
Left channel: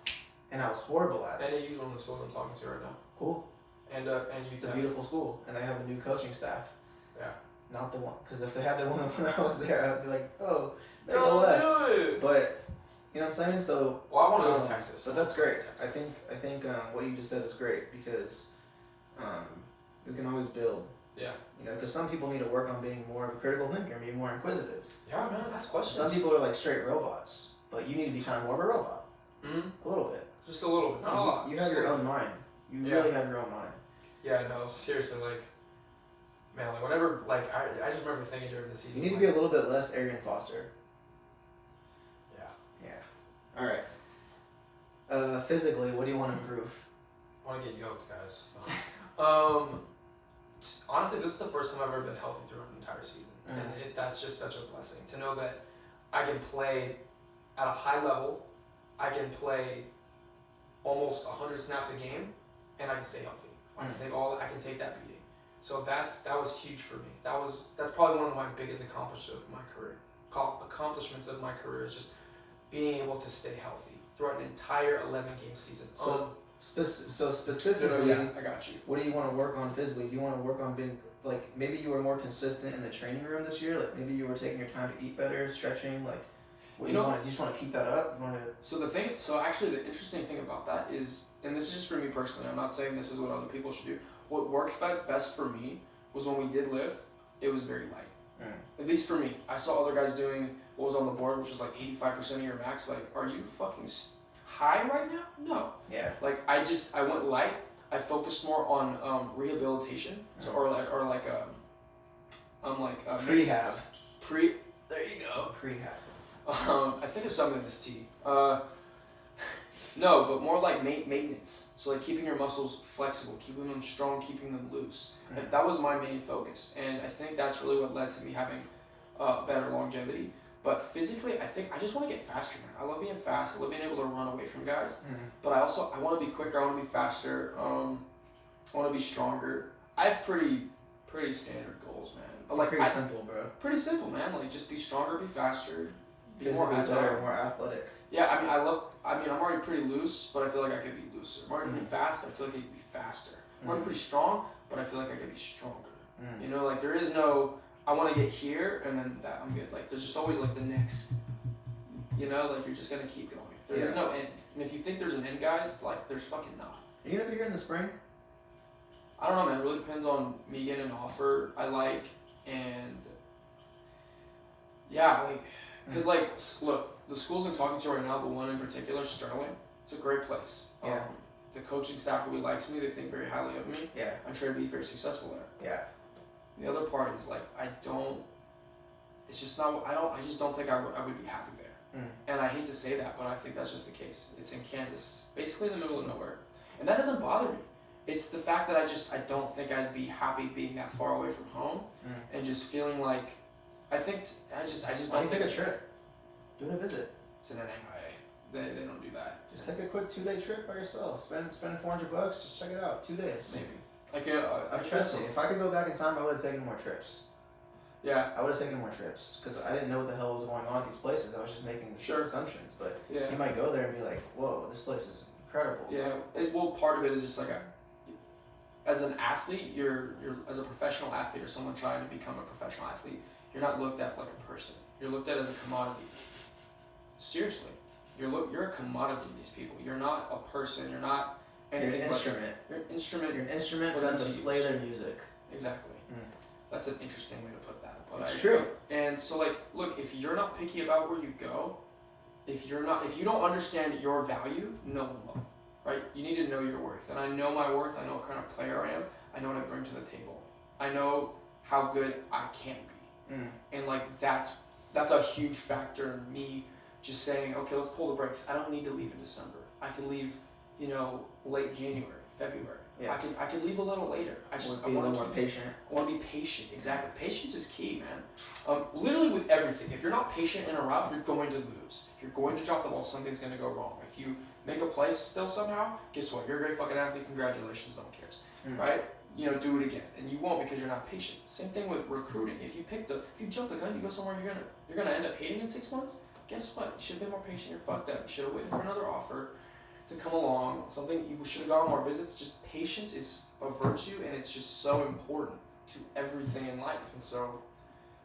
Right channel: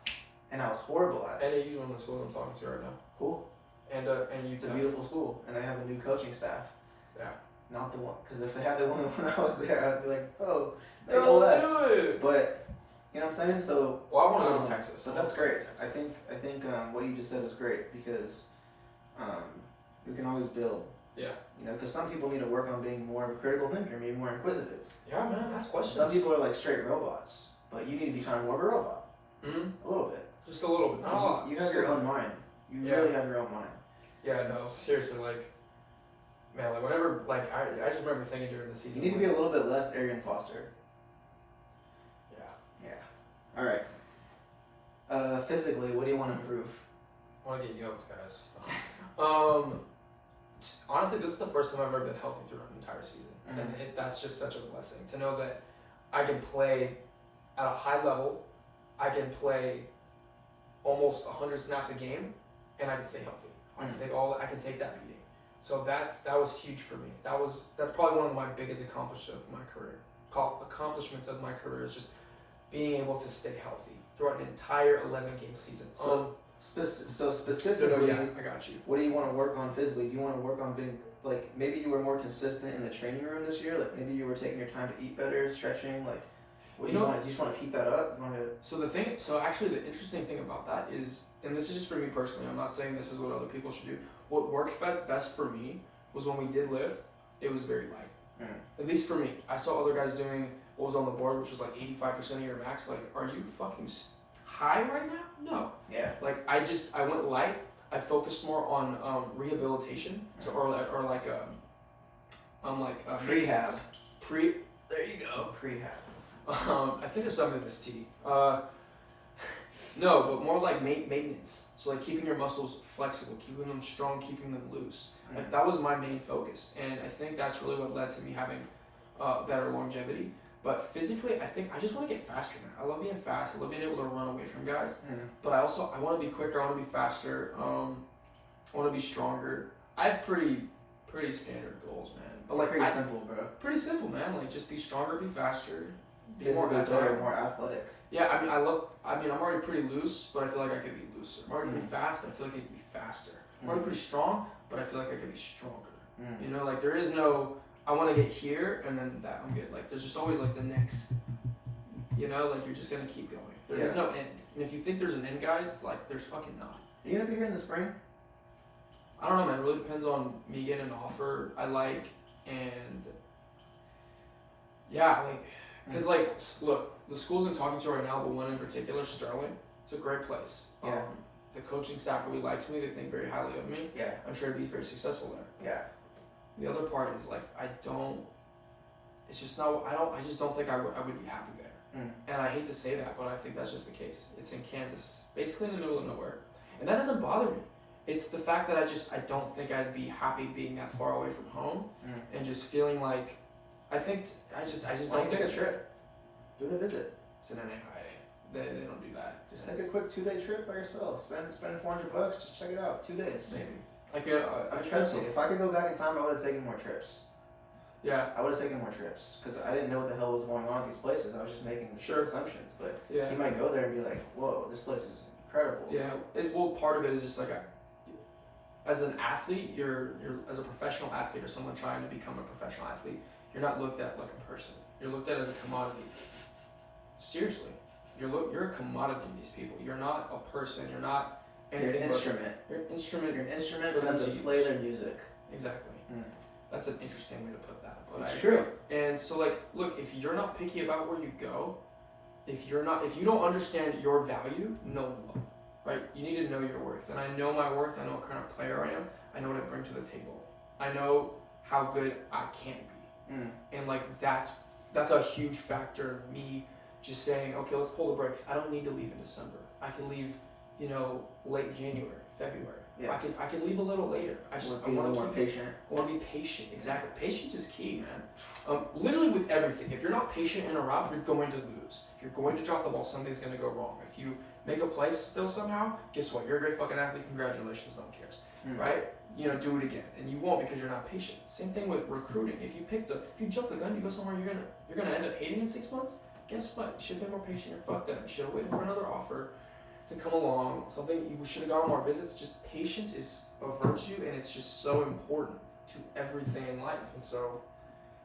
and I was horrible at it. NAU's one of the schools I'm talking to right now. Cool. And it's a beautiful school, and they have a new coaching staff. Yeah. Not the one, because if they had the one when I was there, I'd be like, oh, they left. Do it. But you know what I'm saying? So I want to go to Texas. So that's great. I think what you just said is great because you can always build. Yeah. Because some people need to work on being more of a critical thinker, being more inquisitive. Yeah, man, ask questions. Some people are like straight robots, but you need to become more of a robot. A little bit. Just a little bit. Not a lot. You have your own mind. You really have your own mind. Yeah, no, seriously, man, whenever, I just remember thinking during the season. You need to be a little bit less Arian Foster. Yeah. Yeah. All right. Physically, what do you want to improve? I want to get yoked, guys. Honestly, this is the first time I've ever been healthy throughout an entire season. And that's just such a blessing to know that I can play at a high level. I can play almost 100 snaps a game, and I can stay healthy. I can take that beating. So that was huge for me. That's probably one of my biggest accomplishments of my career is just being able to stay healthy throughout an entire 11-game season. So specifically, I got you. What do you want to work on physically? Do you want to work on being maybe you were more consistent in the training room this year? Like maybe you were taking your time to eat better, stretching. Like, what do you want? Do you just want to keep that up? So actually, the interesting thing about that is, and this is just for me personally. I'm not saying this is what other people should do. What worked best for me was when we did lift. It was very light. At least for me. I saw other guys doing what was on the board, which was 85% of your max. Are you fucking high right now? No. Yeah. I went light. I focused more on rehabilitation, prehab. There you go. Prehab. I think there's something in this tea. No, but more like maintenance. So keeping your muscles flexible, keeping them strong, keeping them loose. That was my main focus, and I think that's really what led to me having better longevity. But physically, I think I just want to get faster, man. I love being fast. I love being able to run away from guys. But I want to be quicker. I want to be faster. I want to be stronger. I have pretty standard goals, man. Pretty simple, bro. Pretty simple, man. Just be stronger, be faster, be more agile, more athletic. Yeah, I'm already pretty loose, but I feel like I could be looser. I'm already pretty fast, but I feel like I could be faster. I'm already pretty strong, but I feel like I could be stronger. There is no, I want to get here, and then that I'm good. There's just always the next, you're just going to keep going. There is no end. And if you think there's an end, guys, there's fucking not. Are you going to be here in the spring? I don't know, man. It really depends on me getting an offer I like, and yeah, because look, the schools I'm talking to right now, the one in particular, Sterling, it's a great place. Yeah. The coaching staff really likes me. They think very highly of me. Yeah. I'm sure to be very successful there. Yeah. The other part is I just don't think I would be happy there. And I hate to say that, but I think that's just the case. It's in Kansas. It's basically in the middle of nowhere. And that doesn't bother me. It's the fact that I don't think I'd be happy being that far away from home and just feeling I don't take a trip. Do a visit. It's an NAIA. They don't do that. Just take a quick 2-day trip by yourself. Spend $400. Just check it out. 2 days. Maybe. I trust you. If I could go back in time, I would have taken more trips. Yeah. I would have taken more trips because I didn't know what the hell was going on at these places. I was just making assumptions. But you might go there and be like, "Whoa, this place is incredible." Yeah. Part of it is just as an athlete, you're as a professional athlete or someone trying to become a professional athlete, you're not looked at like a person. You're looked at as a commodity. Seriously, you're a commodity to these people. You're not a person. You're not You're an instrument. You're an instrument. You're an instrument for them to play their music. Exactly. That's an interesting way to put that. But It's true. And so, like, look, if you're not picky about where you go, if you don't understand your value, no one will. Right? You need to know your worth. And I know my worth. I know what kind of player I am. I know what I bring to the table. I know how good I can be. And like that's a huge factor in me just saying, okay, let's pull the brakes. I don't need to leave in December. I can leave, late January, February. Yeah. I can leave a little later. I want to be more patient. I want to be patient. Exactly. Patience is key, man. Literally with everything. If you're not patient in a route, you're going to lose. You're going to drop the ball. Something's going to go wrong. If you make a play still somehow, guess what? You're a great fucking athlete. Congratulations. No one cares. Right? Do it again. And you won't because you're not patient. Same thing with recruiting. If you jump the gun, you go somewhere you're gonna end up hating in 6 months, guess what? You should have been more patient. You're fucked up. You should have waited for another offer to come along. Something you should have gone on more visits. Just patience is a virtue, and it's just so important to everything in life. And so,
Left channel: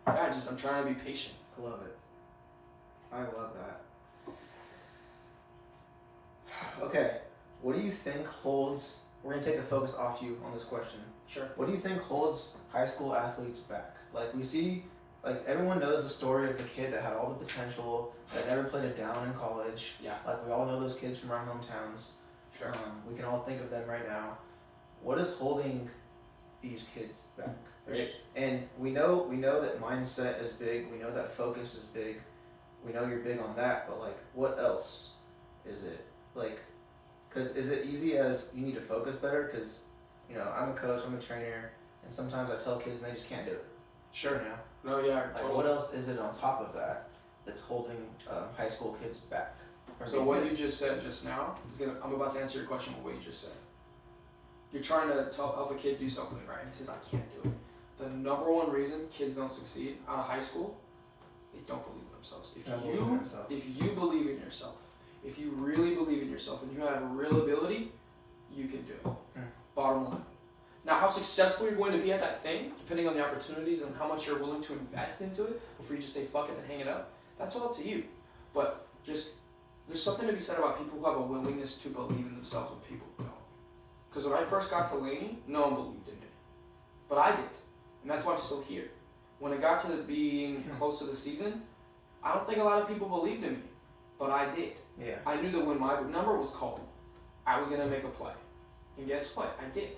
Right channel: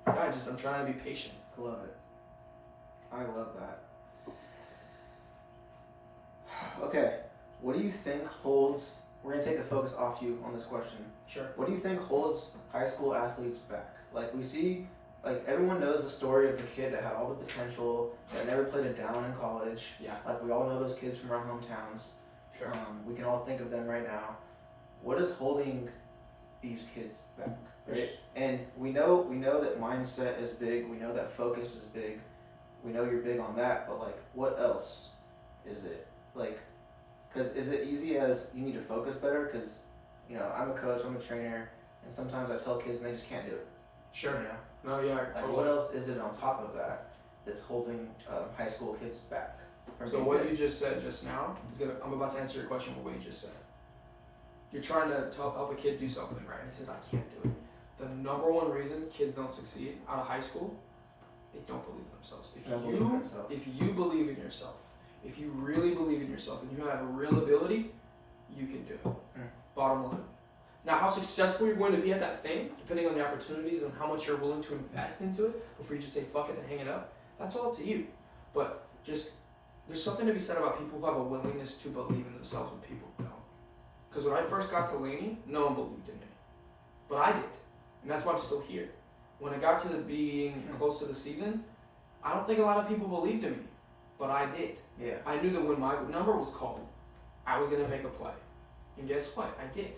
yeah, I'm trying to be patient. I love it. I love that. Okay, what do you think holds? We're gonna take the focus off you on this question. Sure. What do you think holds high school athletes back? Like we see, like everyone knows the story of the kid that had all the potential, that never played it down in college. Yeah. Like we all know those kids from our hometowns. Sure. We can all think of them right now. What is holding these kids back? Right? And we know that mindset is big. We know that focus is big. We know you're big on that. But like, what else is it? Like, because is it easy as you need to focus better? Because, I'm a coach, I'm a trainer, and sometimes I tell kids and they just can't do it. Sure. No, yeah. Like, totally. What else is it on top of that that's holding high school kids back? So what you just said just now I'm about to answer your question with what you just said. You're trying to help a kid do something, right? He says, I can't do it. The number one reason kids don't succeed out of high school, they don't believe in themselves. If you believe in yourself, if you really believe in yourself and you have a real ability, you can do it. Bottom line. Now, how successful you're going to be at that thing, depending on the opportunities and how much you're willing to invest into it before you just say fuck it and hang it up, that's all up to you. But there's something to be said about people who have a willingness to believe in themselves when people don't. Because when I first got to Laney, no one believed in me. But I did. And that's why I'm still here. When it got to being close to the season, I don't think a lot of people believed in me. But I did. Yeah. I knew that when my number was called, I was going to make a play. And guess what? I did.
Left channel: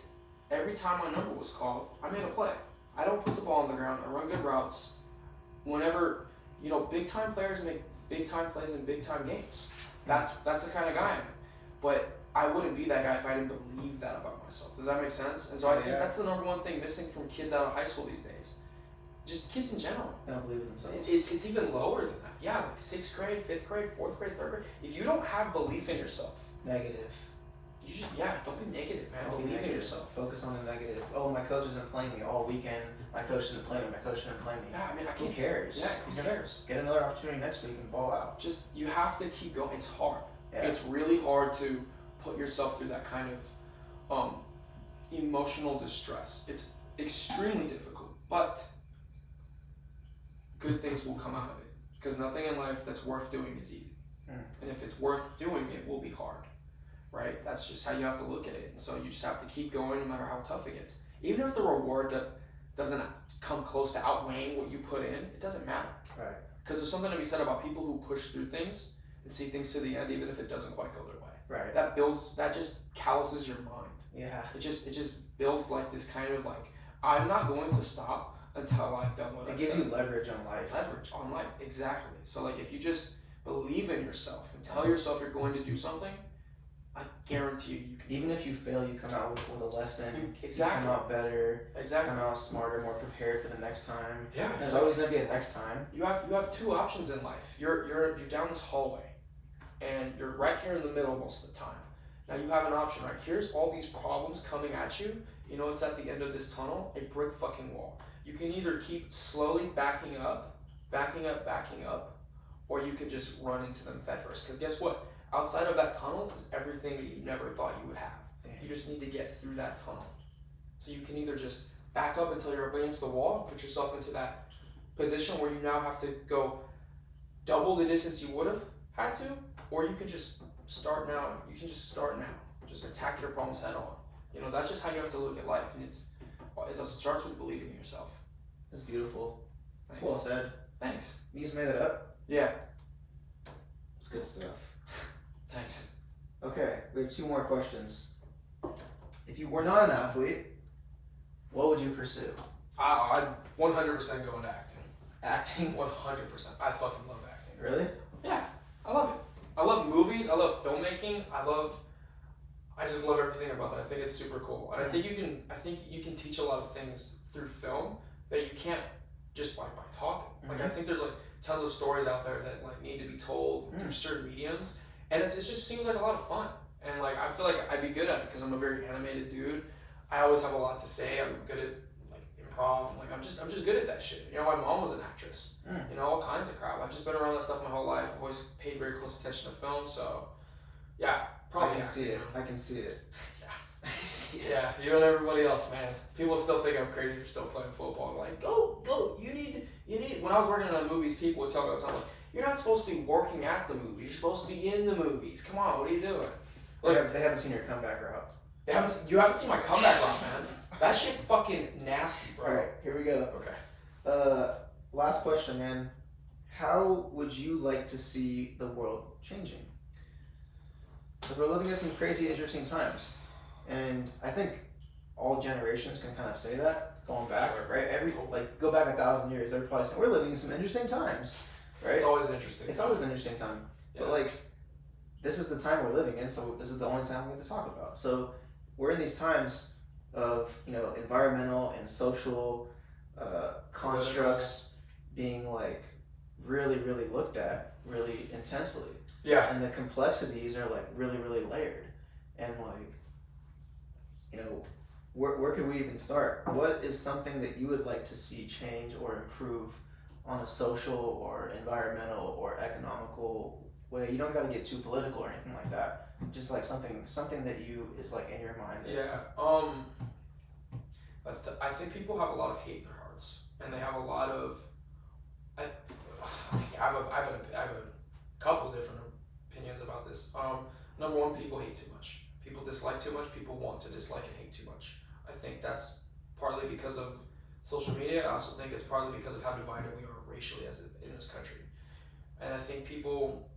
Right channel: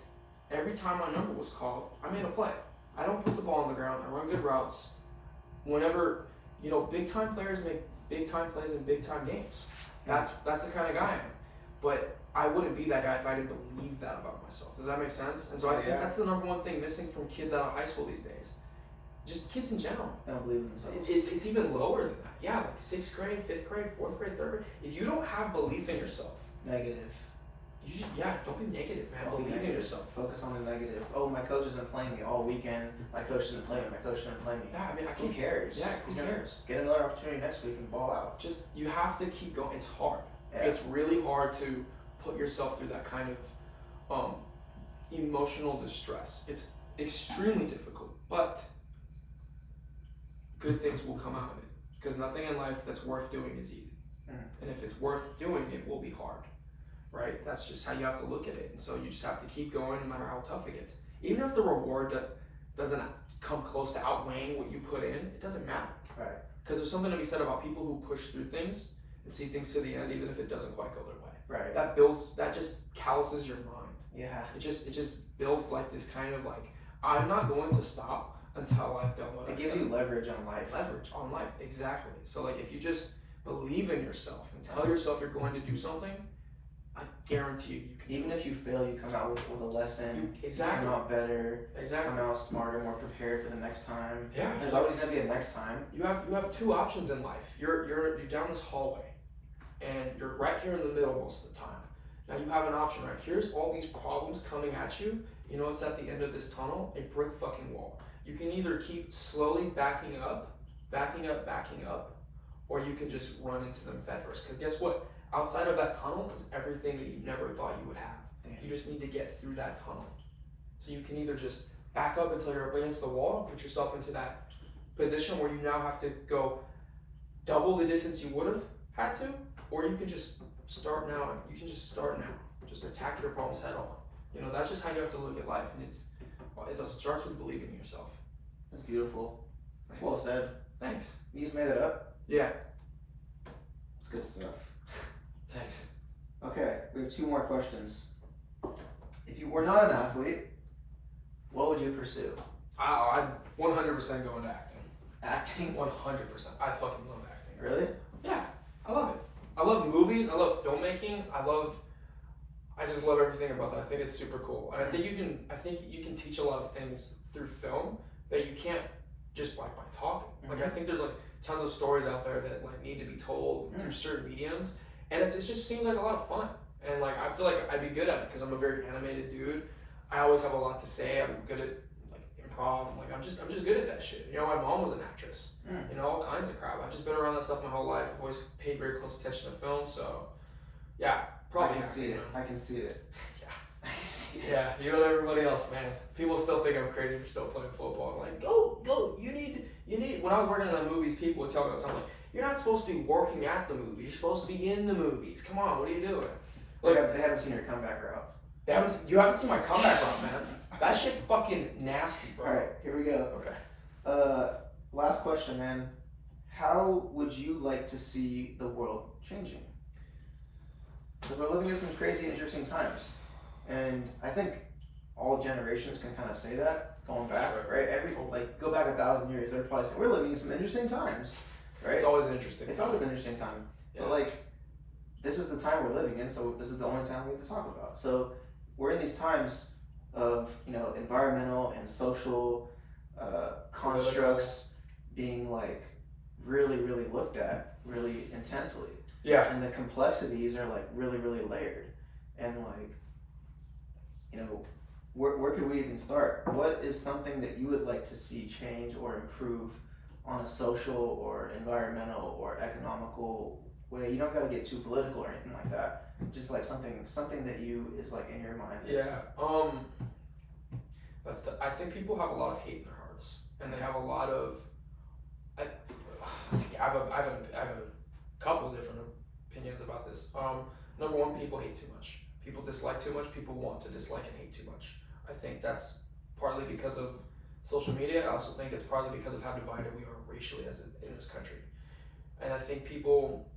Every time my number was called, I made a play. I don't put the ball on the ground. I run good routes. Whenever, big time players make big time plays in big time games. That's the kind of guy I am. But I wouldn't be that guy if I didn't believe that about myself. Does that make sense? And so I think that's the number one thing missing from kids out of high school these days. Just kids in general. They don't believe in themselves. It's even lower than that. Yeah, like 6th grade, 5th grade, 4th grade, 3rd grade. If you don't have belief in yourself. Negative. Don't be negative, man. Believe in yourself. Focus on the negative. Oh, my coach isn't playing me all weekend. My coach didn't play me. My coach didn't play me. Yeah, I mean, who cares? Yeah, who cares? Get another opportunity next week and ball out. You have to keep going. It's hard. Yeah. It's really hard to put yourself through that kind of emotional distress. It's extremely difficult, but good things will come out of it. Because nothing in life that's worth doing is easy. And if it's worth doing, it will be hard. Right? That's just how you have to look at it. And so you just have to keep going no matter how tough it gets. Even if the reward doesn't come close to outweighing what you put in, it doesn't matter. Right. Because there's something to be said about people who push through things and see things to the end, even if it doesn't quite go their way. Right. That just calluses your mind. Yeah. It just builds like this kind of like, I'm not going to stop until I've done what I've said. It gives you leverage on life. Leverage on life, exactly. So like if you just believe in yourself and tell yourself you're going to do something, I guarantee you can. Even if you fail, you come out with a lesson. Exactly. You come out better. Exactly. Come out smarter, more prepared for the next time. Yeah. There's always gonna be a next time. You have two options in life. You're down this hallway, and you're right here in the middle most of the time. Now you have an option, right? Here's all these problems coming at you. You know what's at the end of this tunnel? A brick fucking wall. You can either keep slowly backing up, or you can just run into them head first. Because guess what? Outside of that tunnel is everything that you never thought you would have. You just need to get through that tunnel. So you can either just back up until you're up against the wall and put yourself into that position where you now have to go double the distance you would have had to, or you can just start now. You can just start now. Just attack your problems head on. You know, that's just how you have to look at life, and it starts with believing in yourself. It's beautiful. It's well said. Thanks. You just made it up? Yeah. It's good stuff. Thanks. Okay, we have 2 more questions. If you were not an athlete, what would you pursue? I'd 100% go into acting. Acting? 100%. I fucking love acting. Really? Yeah, I love it. I love movies. I love filmmaking. I just love everything about that. I think it's super cool, and I think you can teach a lot of things through film that you can't just by talking. Like I think there's like tons of stories out there that like need to be told through certain mediums, and it just seems like a lot of fun. And like I feel like I'd be good at it because I'm a very animated dude. I always have a lot to say. I'm good at like improv. Like I'm just good at that shit. You know, my mom was an actress. You know, all kinds of crap. I've just been around that stuff my whole life. I've always paid very close attention to film. So yeah, probably. I can see it. I can see it. Yeah. I can see it. Yeah, you and everybody else, man. People still think I'm crazy for still playing football. I'm like, go. You need. When I was working in the movies, people would tell me all the time, like, you're not supposed to be working at the movies. You're supposed to be in the movies. Come on, what are you doing? Like, They haven't seen your comeback route. You haven't seen my comeback route, man. That shit's fucking nasty, bro. Alright, here we go. Okay. Last question, man. How would you like to see the world changing? Because we're living in some crazy, interesting times. And I think all generations can kind of say that, going back, right? Go back 1,000 years, they're probably saying, we're living in some interesting times, right? It's always an interesting It's time. always an interesting time. Yeah. But like, this is the time we're living in, so this is the only time we have to talk about. So we're in these times of, you know, environmental and social constructs being like really, really looked at really intensely. Yeah. And the complexities are like really, really layered. And like, you know, where could we even start? What is something that you would like to see change or improve on a social or environmental or economical way? You don't got to get too political or anything like that. Just like something that you is like in your mind. Yeah. I think people have a lot of hate in their hearts, and they have a lot of. I have a couple of different opinions about this. Number one, people hate too much. People dislike too much. People want to dislike and hate too much. I think that's partly because of social media. I also think it's partly because of how divided we are racially in this country. And I think people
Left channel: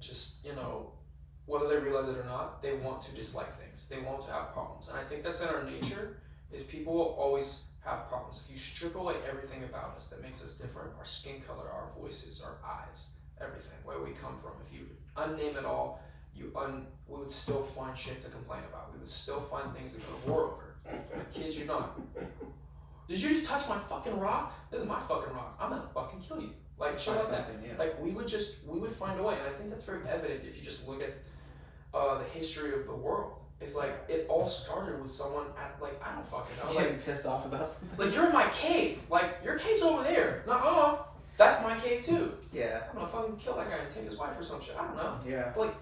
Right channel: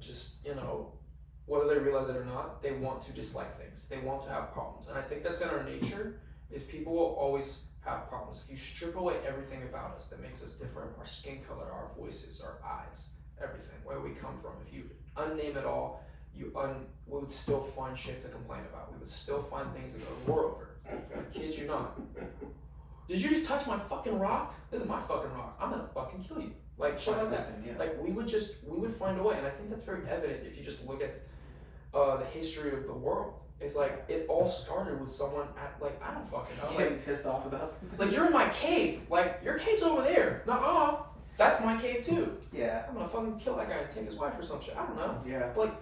just, you know, whether they realize it or not, they want to dislike things. They want to have problems. And I think that's in our nature, is people will always have problems. If you strip away everything about us that makes us different, our skin color, our voices, our eyes, everything, where we come from, if you unname it all, we would still find shit to complain about. We would still find things to go to war over. I kid you not. Did you just touch my fucking rock? This is my fucking rock. I'm gonna fucking kill you. Like shit like that. Yeah. Like we would find a way, and I think that's very evident if you just look at the history of the world. It's like it all started with someone at like I don't fucking know. Getting pissed off about something. Like you're in my cave. Like your cave's over there. Nuh-uh. That's my cave too. Yeah. I'm gonna fucking kill that guy and take his wife or some shit. I don't know. Yeah. But like,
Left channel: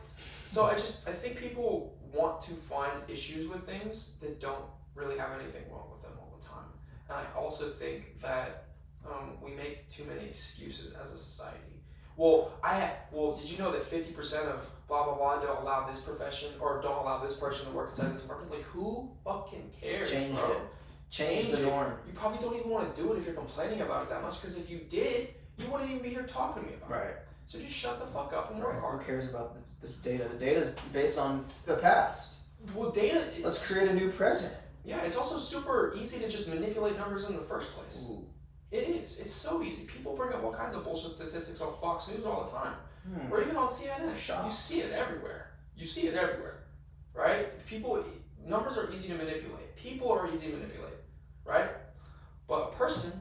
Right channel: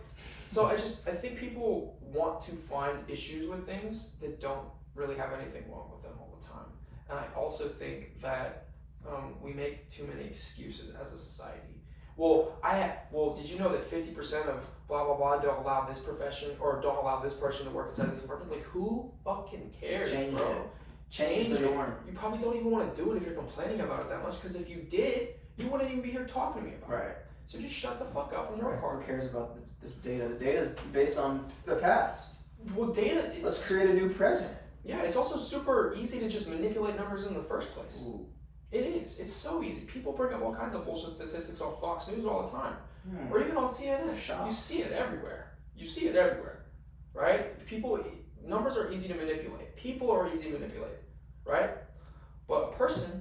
so I think people want to find issues with things that don't really have anything wrong with them all the time. And I also think that we make too many excuses as a society. Well, did you know that 50% of blah blah blah don't allow this profession or don't allow this person to work inside this department? Like, who fucking cares, Change bro? it. Change the norm. You probably don't even want to do it if you're complaining about it that much. Because if you did, you wouldn't even be here talking to me about it. Right. So just shut the fuck up and work hard. Who cares about this data? The data is based on the past. Well, data. Let's create a new present. Yeah, it's also super easy to just manipulate numbers in the first place. Ooh. It is. It's so easy. People bring up all kinds of bullshit statistics on Fox News all the time, or even on CNN. Shots. You see it everywhere. You see it everywhere, right? Numbers are easy to manipulate. People are easy to manipulate, right? But a person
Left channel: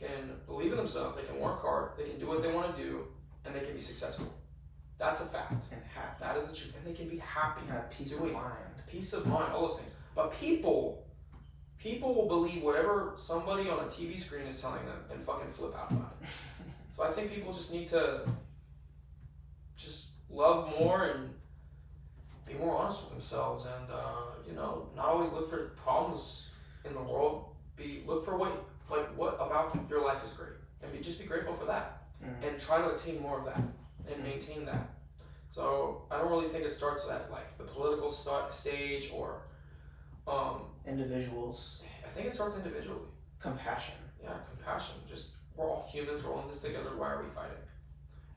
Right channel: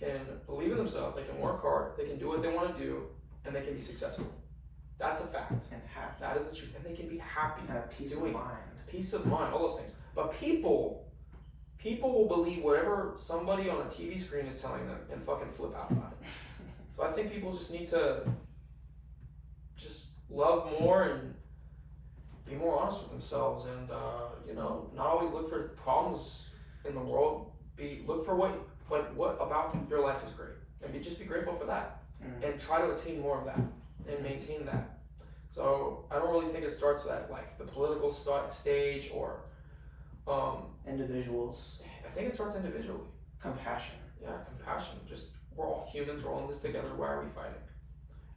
can believe in themselves. They can work hard. They can do what they want to do, and they can be successful. That's a fact. And happy. That is the truth. And they can be happy. And have peace of doing it. mind. Peace of mind, all those things. But people will believe whatever somebody on a TV screen is telling them and fucking flip out about it. So I think people just need to just love more and be more honest with themselves, and not always look for problems in the world. Look for what about your life is great, and just be grateful for that, and try to attain more of that. and maintain that. So I don't really think it starts at like the political stage or individuals. I think it starts individually. Compassion. Yeah, compassion. Just we're all humans. We're all in this together. Why are we fighting?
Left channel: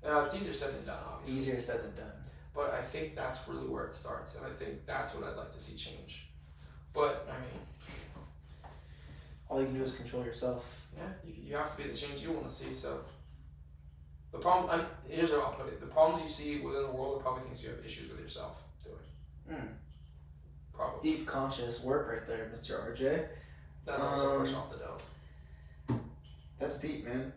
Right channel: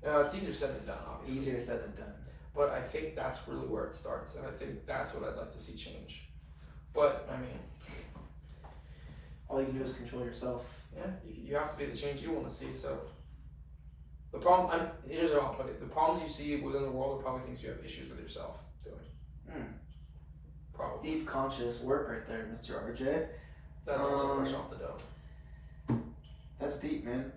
It's easier said than done, obviously. Easier said than done. But I think that's really where it starts, and I think that's what I'd like to see change. But I mean, all you can do is control yourself. yeah, you have to be the change you want to see. So the problem, here's how I'll put it: the problems you see within the world are probably things you have issues with yourself doing. Probably. Deep conscious work right there, Mr. RJ. That's also fresh off the dome. That's deep, man.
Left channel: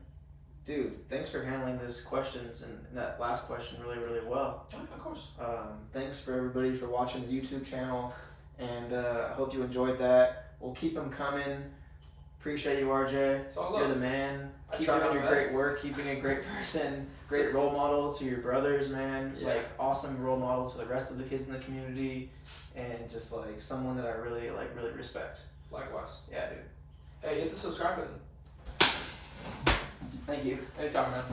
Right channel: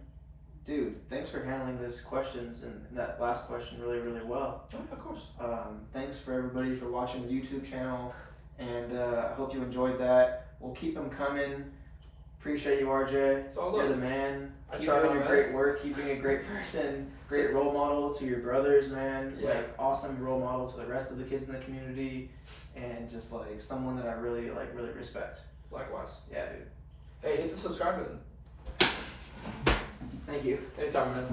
Dude, thanks for handling those questions and that last question really, really well. Yeah, of course. Thanks for everybody for watching the YouTube channel, and I hope you enjoyed that. We'll keep them coming. Appreciate you, RJ. It's all You're love. the man. I Keep try doing my your best. great work. Keep being a great person. Great role model to your brothers, man. Yeah. Like awesome role model to the rest of the kids in the community, and just like someone that I really respect. Likewise. Yeah, dude. Hey, hit the subscribe button. Thank you. Anytime, man.